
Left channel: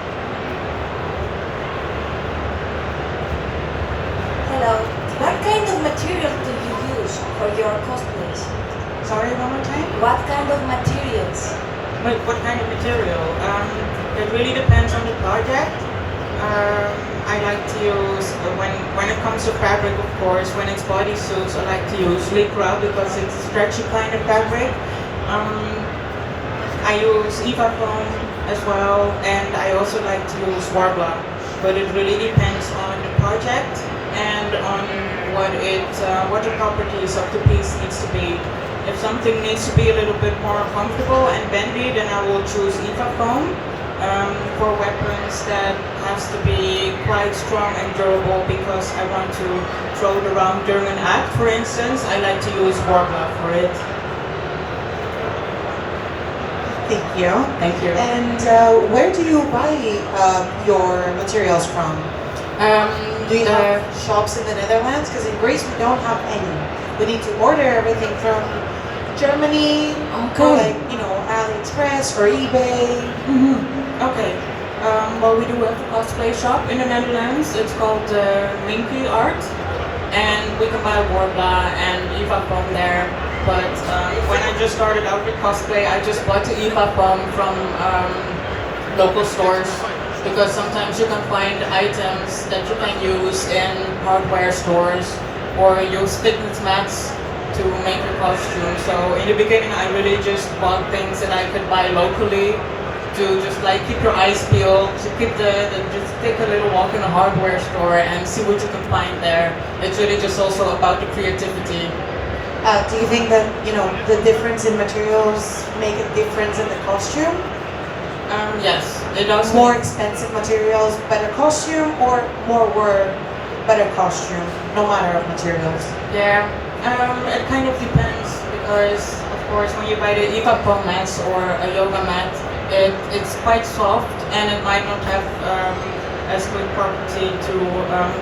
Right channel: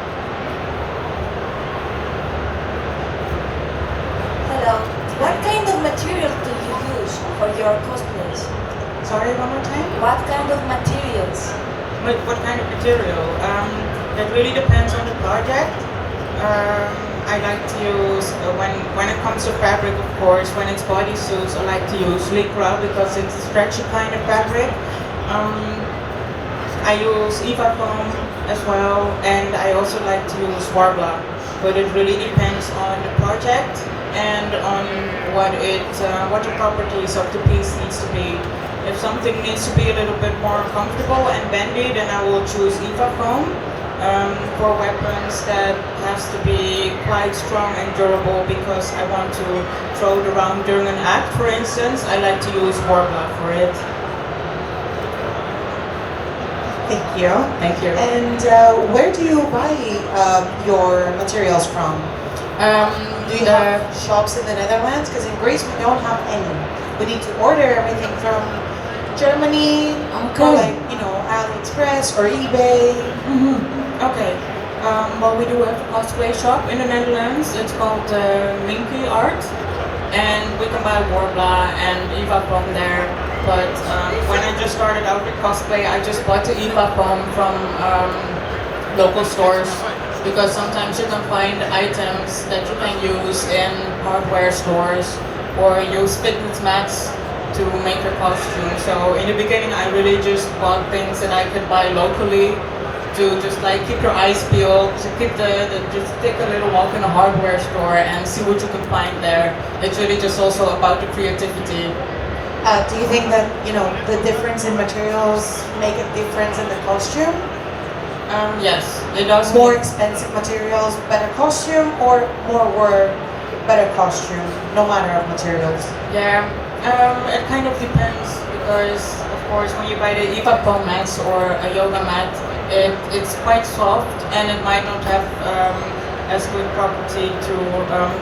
Hello. What kind of material do you use for your cosplays? Sorry, one more time? What kind of materials? Wait, what kind of material? That really depends on the project. I like to use, when it comes to fabric, of course, when it's bodysuits, I like to use Lycra because it's a stretchy kind of fabric. I use Eva foam as well, and I also like to use Warbler, but it really depends on the project and on what the properties of the piece needs to be. If something needs to be a little bit more comfortable and bendy, then I will choose Eva foam. For weapons that has to be quite strong and durable because I want to throw it around during an act, for instance, I like to use Warbler for it. Thank you. Thank you. And where do you buy your materials from? Do you have shops in the Netherlands? Because in Greece we don't have any. We need to order everything from Germany, or like, AliExpress or eBay. Okay. Well, we do have a cosplay shop in the Netherlands. It's called Minky Art, and we can buy Warbler and Eva foam there. But when I just started out with cosplay, I just bought the Eva foam from local stores because sometimes you can find items that you can use in hardware stores or use fitness mats to make your costume. So in the beginning, I really just bought things that I could buy locally to just like keep your eyes peeled, to just take a little walk in a hardware store and see what you can find there. It's really just also about the creativity. Do you think that, the difference in materials make a difference in the costume? Yes, it does. More expensive materials, better costume, or more work, better costume, no matter of materials? Yeah, it kind of depends because, of course, when you buy the Eva foam mats or a yoga mat, it's quite soft and it might not have as good property to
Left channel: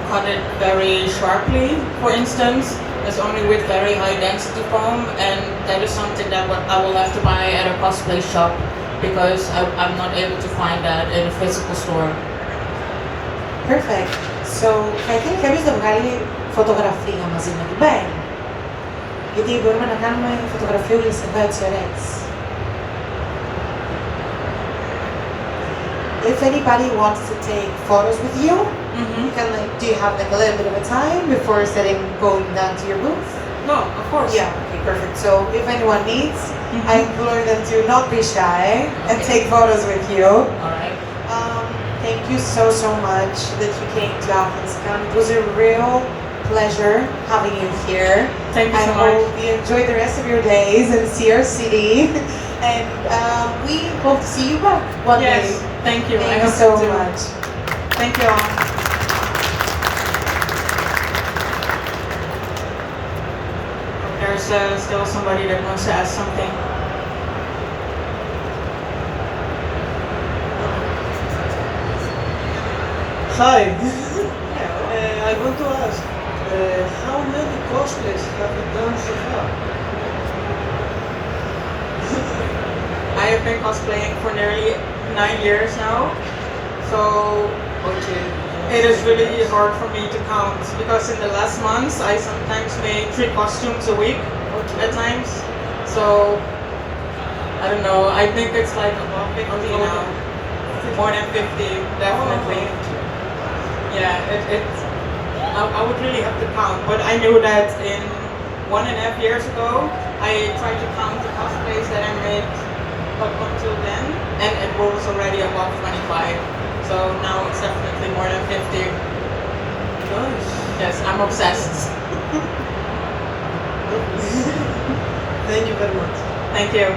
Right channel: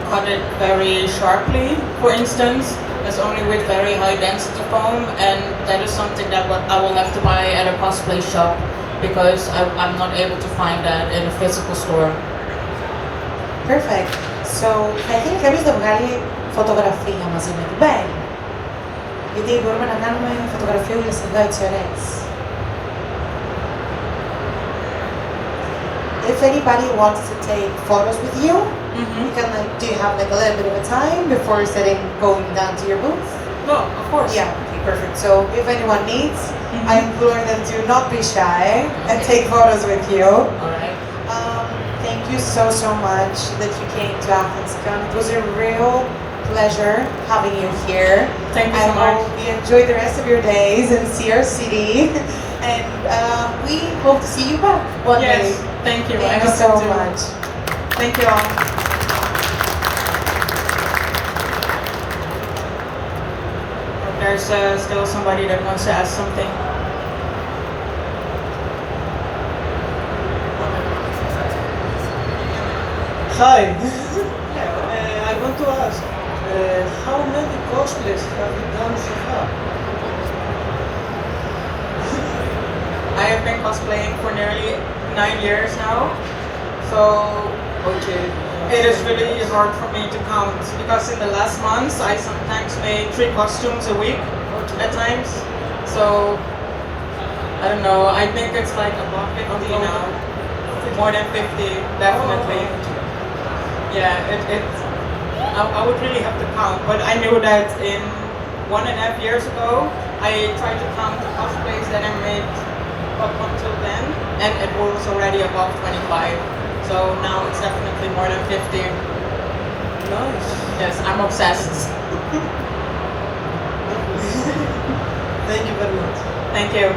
cut it very sharply, for instance. It's only with very high density foam, and that is something that I will have to buy at a cosplay shop because I'm not able to find that in a physical store. Perfect. So, θα ήθελε κάποιος να βγάλει φωτογραφία μαζί με την Belle. Γιατί μπορούμε να κάνουμε φωτογραφιούλες εδώ έτσι ωραίες. If anybody wants to take photos with you, you can, do you have like a little bit of a time before you're going down to your booth? No, of course. Yeah, okay, perfect. So if anyone needs, I implore them to not be shy and take photos with you. Alright. Thank you so much that you came to AthensCon. It was a real pleasure having you here. Thank you so much. I hope you enjoy the rest of your days and see our city. And we hope to see you back one day. Thank you. Thank you so much. Thank you all. There's still somebody that wants to ask something. Hi. I want to ask, how many cosplays have you done so far? I have been cosplaying for nearly 9 years now, so it is really hard for me to count because in the last months I sometimes make 3 costumes a week at times. So I don't know. I think it's like about 50 now. More than 50, definitely. Yeah, I would really have to count, but I knew that in 1.5 years ago I tried to count the cosplays that I made up until then, and it was already above 25. So now it's definitely more than 50. Nice. Yes, I'm obsessed. Thank you very much. Thank you.